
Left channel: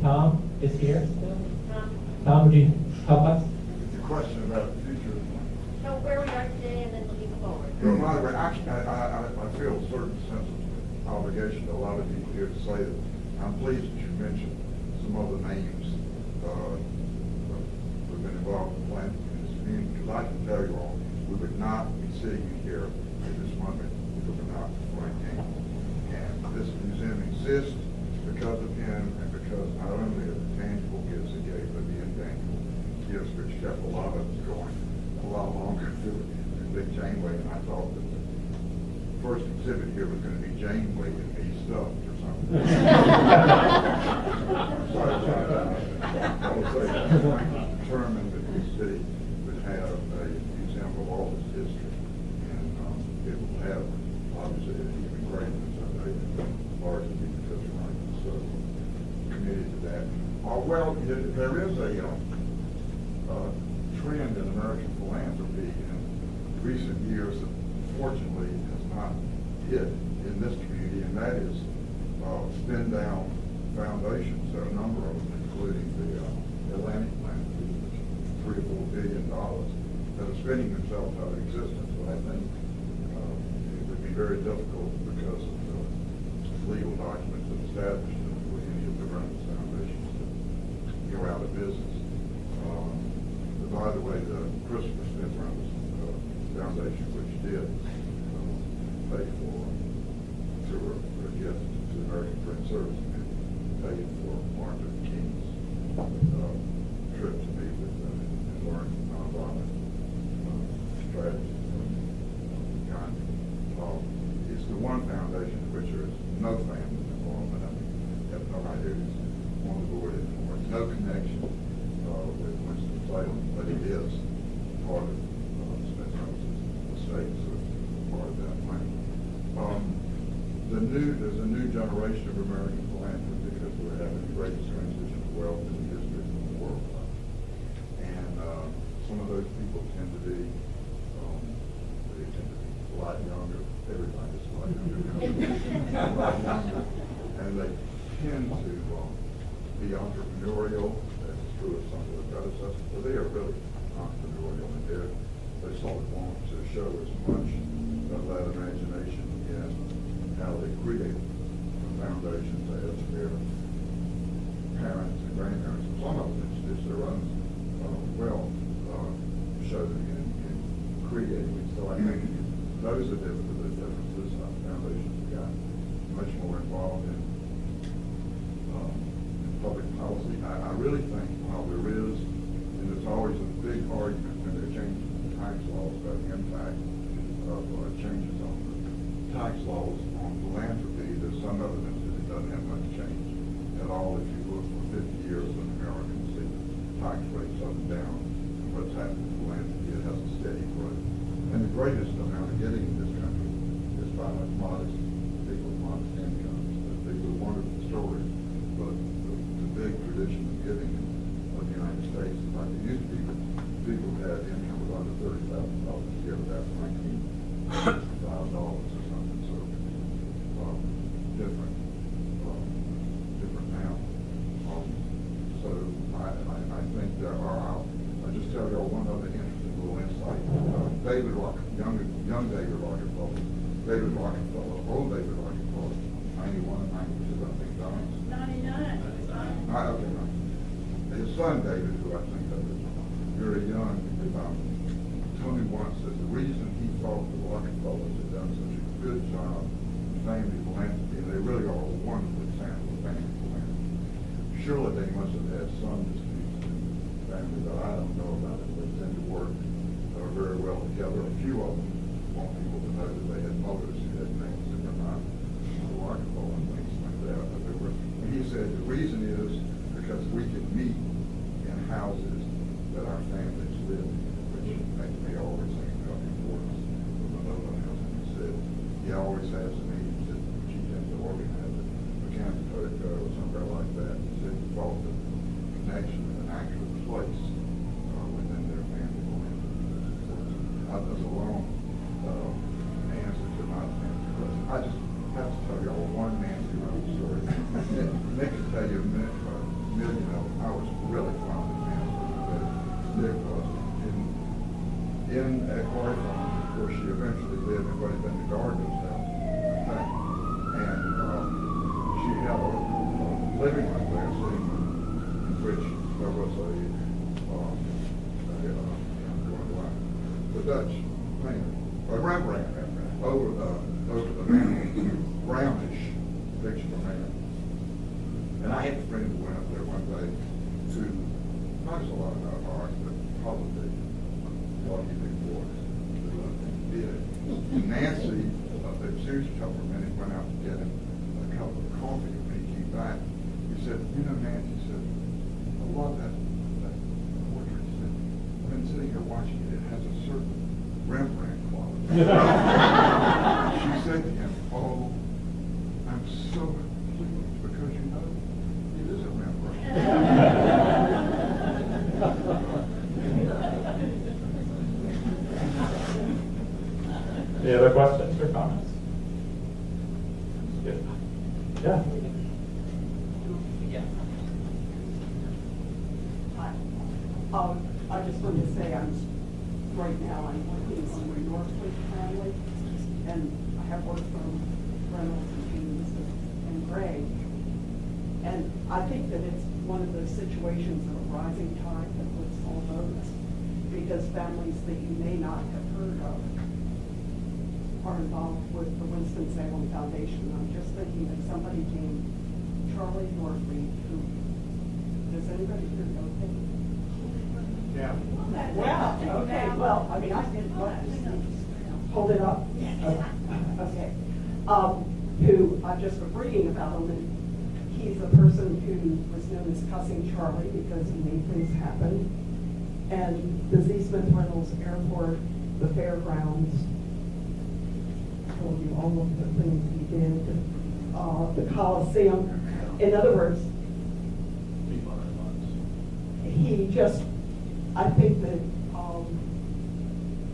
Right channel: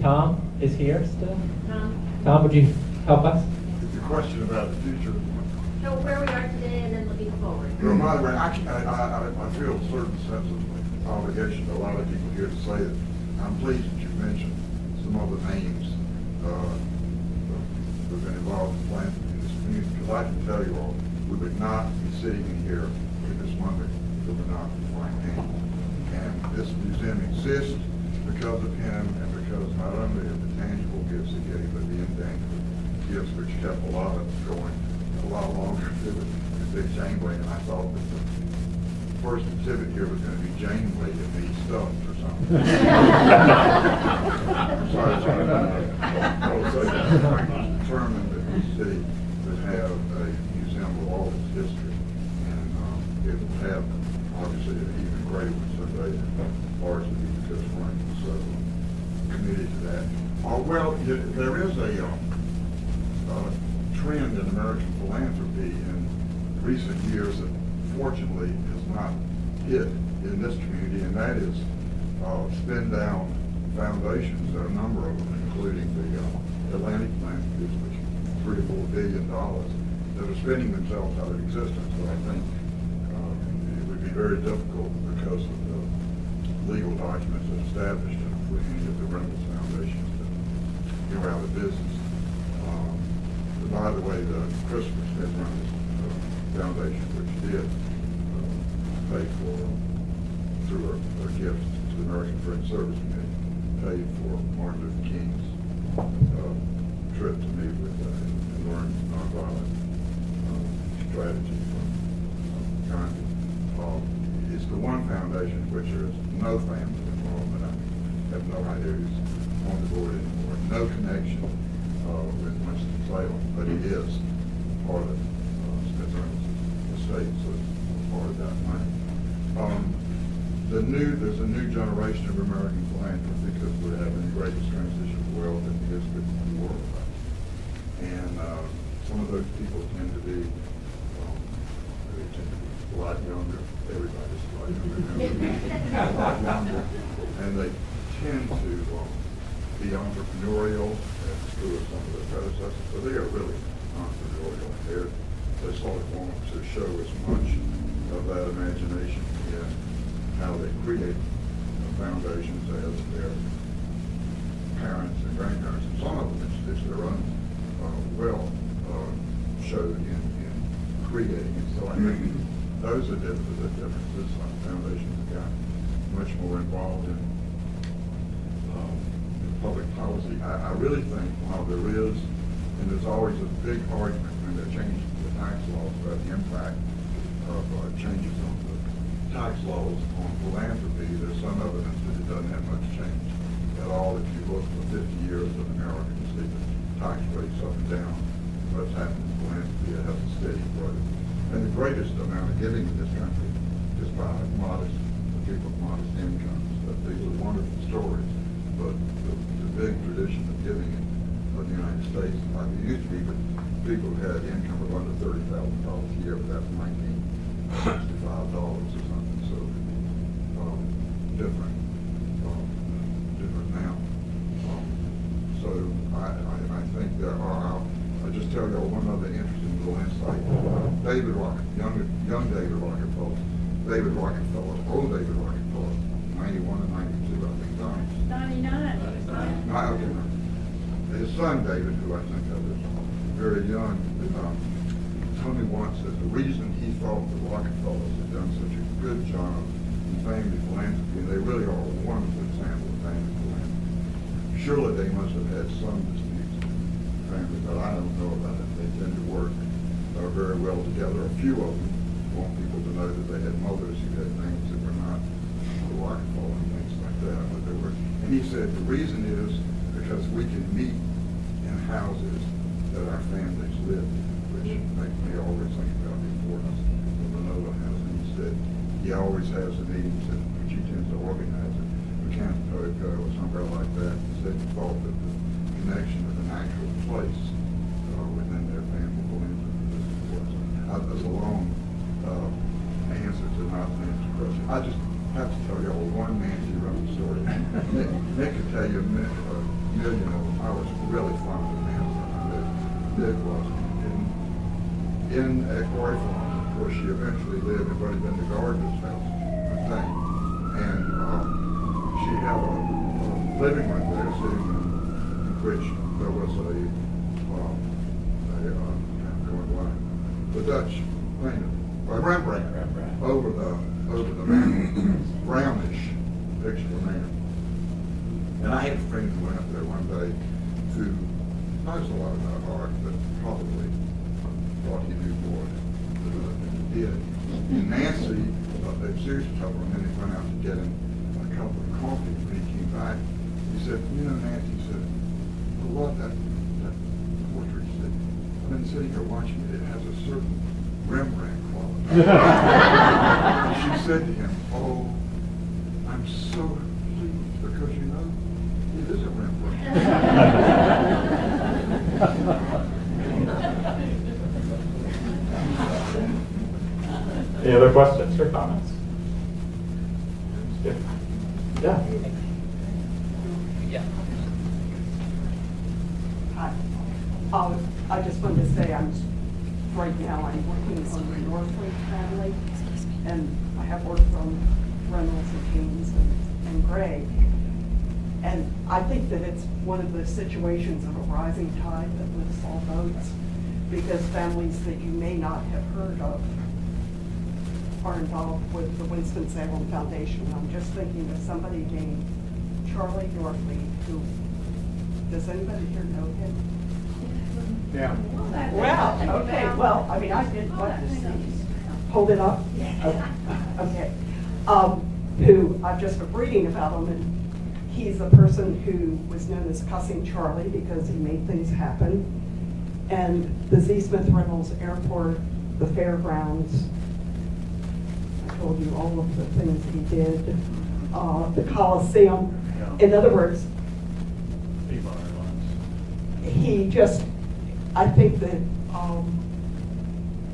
Tom is here still. Tom, would you help us? The question about the future. So where we are today and then looking forward. Well, by the way, I feel a certain sense of obligation to a lot of people here to say that I'm pleased that you mentioned some of the names who've been involved in philanthropy in this community. Because I can tell you all, we would not be sitting here at this moment if it were not for Frank Haney. And this museum exists because of him and because not only of the tangible gifts he gave, but the intangible gifts which kept a lot of us going a lot longer than Big Janeway. And I thought that the first exhibit here was going to be Janeway and me stuffed or something. I'm sorry, I was determined that the city would have a museum of all its history, and it will have obviously an even greater one someday than ours will be because Frank is so committed to that. Well, there is a trend in American philanthropy in recent years that fortunately has not hit in this community, and that is spin down foundations. There are a number of them, including the Atlantic Philanthropies, which are $3 or $4 billion that are spinning themselves out of existence. So I think it would be very difficult because of the legal documents that established it with any of the Reynolda foundations that go out of business. By the way, the Christopher Smith Reynolda Foundation, which did pay for, through a gift to the American Friends Service Committee, paid for Martin Luther King's trip to meet with and learn nonviolent strategy from Gandhi. It's the Foundation, which there is no family involvement. I have no idea who's on the board anymore. No connection with Winston Salem, but he is part of Smithsonian's estate, so it's part of that money. There's a new generation of American philanthropy because we're having the greatest transition of wealth in the history of the world. And some of those people tend to be a lot younger. Everybody's a lot younger. And they tend to be entrepreneurial as true of some of their predecessors. So they are really entrepreneurial. They sort of want to show as much of that imagination in how they create foundations as their parents and grandparents, and some of them it's their own showed in creating. And so I think those are the differences. Foundations have got much more involved in public policy. I really think while there is, and there's always a big argument when they're changing the tax laws about the impact of changes on the tax laws on philanthropy, there's some evidence that it doesn't have much change at all. If you look for 50 years of Americans, see the tax rates up and down. What's happened to philanthropy, it has a steady growth. And the greatest amount of giving in this country is by modest people with modest incomes. But these are wonderful stories, but the big tradition of giving in the United States, like it used to be that people who had income of under $30,000 a year, but that's $1965 or something, so different now. So I think there are, I'll just tell you one other interesting little insight. David Rockefeller, young David Rockefeller, old David Rockefeller, 91 and 92, I think, died. 99. His son David, who I think of is very young, told me once that the reason he thought the Rockefellers had done such a good job in family philanthropy, and they really are a wonderful example of family philanthropy. Surely they must have had some disputes in the family, but I don't know about it. They tend to work very well together. A few of them want people to know that they had mothers who had names that were not the Rockefeller and things like that. But they were, and he said the reason is because we can meet in houses that our families live in, which make me always think about the importance of the Reynolda House. And he said he always has a meeting that she tends to organize it, Mechanic or somewhere like that. He said he thought that the connection of an actual place within their family will this important. That's a long answer to not answer the question. I just have to tell you one Nancy Reynolds story. Nick could tell you a million of them. I was really fond of Nancy. Nick was at Quarry Farm, where she eventually lived. Everybody been to Gardner's house, I think. And she had a living room there, sitting room, in which there was the Dutch painter, Rembrandt, over the mantel, brownish picture of man. And I had a friend who went up there one day to knows a lot about art, but probably thought he knew more than he did. And Nancy, they seriously told him, and then he went out to get him a cup of coffee. When he came back, he said, Nancy said, I love that portrait. He said, I've been sitting here watching it. It has a certain Rembrandt quality. She said to him, oh, I'm so pleased because it is a Rembrandt. Any other questions or comments? Yeah. Yeah. I just wanted to say right now I'm working on the Northwick family, and I have worked from Reynolds and James and Gregg. And I think that it's one of those situations of a rising tide that lifts all boats, because families that you may not have heard of are involved with the Winston Salem Foundation. And I'm just thinking of somebody named Charlie Yorkley, who, does anybody here know him? Yeah. Well, okay, well, I mean, I didn't want to hold it up. Okay. who I've just been reading about him, and he's a person who was known as Cussing Charlie because he made things happen. And the Z. Smith Reynolds Airport, the fairgrounds, I told you all of the things he did, the Coliseum. In other words, he just, I think that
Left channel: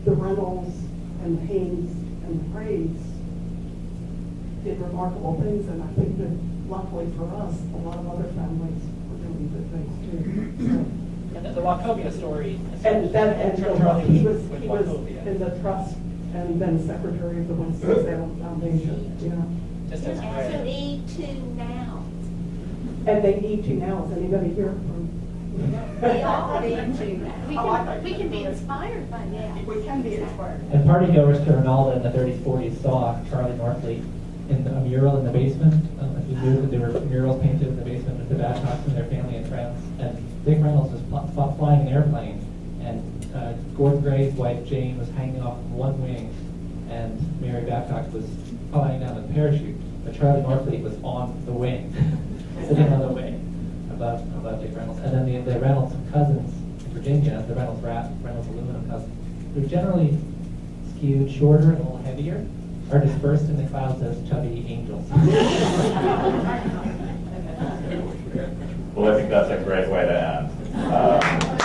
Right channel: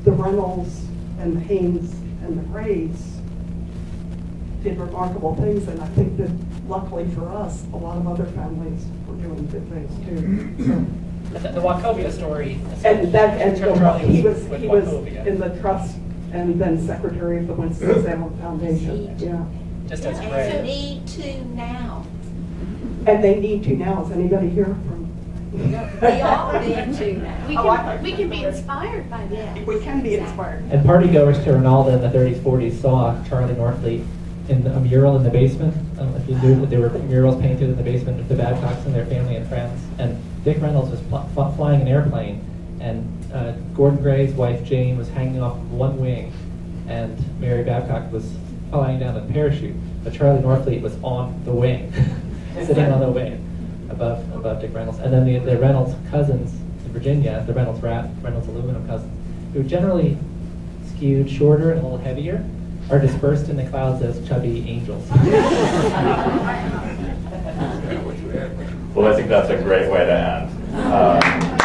the Reynolds and the Haynes and the Grays did remarkable things, and I think that luckily for us, a lot of other families were doing good things too. So, The Wachovia story. and that, and Charlie he was with Wachovia. in the trust and then secretary of the Winston Salem Foundation. Yeah, Just as And great. need to now. and they need to now. Is anybody here from? We all need to now. We can be inspired by that. We can be inspired. And partygoers to Reynolda in the 30s, 40s saw Charlie Norfleet in a mural in the basement. If you knew that there were murals painted in the basement of the Babcocks and their family and friends. And Dick Reynolds was flying an airplane, and Gordon Gray's wife Jane was hanging off of one wing, and Mary Babcock was flying down with a parachute. But Charlie Norfleet was on the wing, sitting on the wing above Dick Reynolds. And then the Reynolds cousins in Virginia, the Reynolds aluminum cousins, who generally skewed shorter and a little heavier, are dispersed in the clouds as chubby angels. Well, I think that's a great way to end.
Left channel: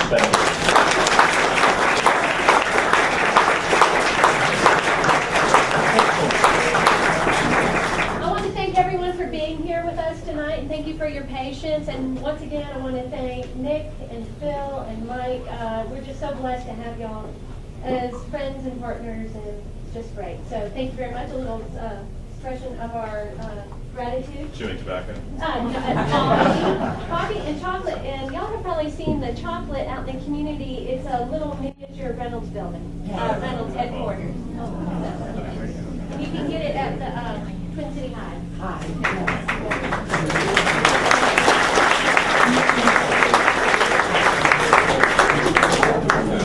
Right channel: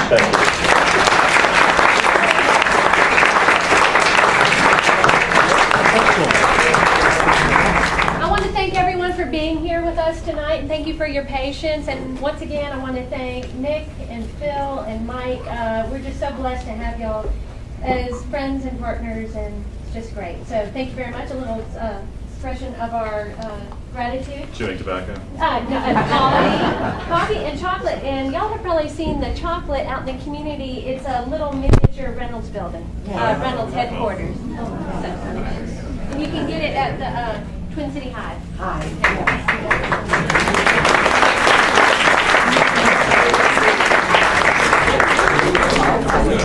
Thank you. I want to thank everyone for being here with us tonight, and thank you for your patience. And once again, I want to thank Nick and Phil and Mike. We're just so blessed to have y'all as friends and partners, and it's just great. So thank you very much. A little expression of our gratitude. Chewing tobacco. Coffee and chocolate. And y'all have probably seen the chocolate out in the community. It's a little miniature Reynolds building, Reynolds headquarters. And you can get it at the Twin City Hive. Hi.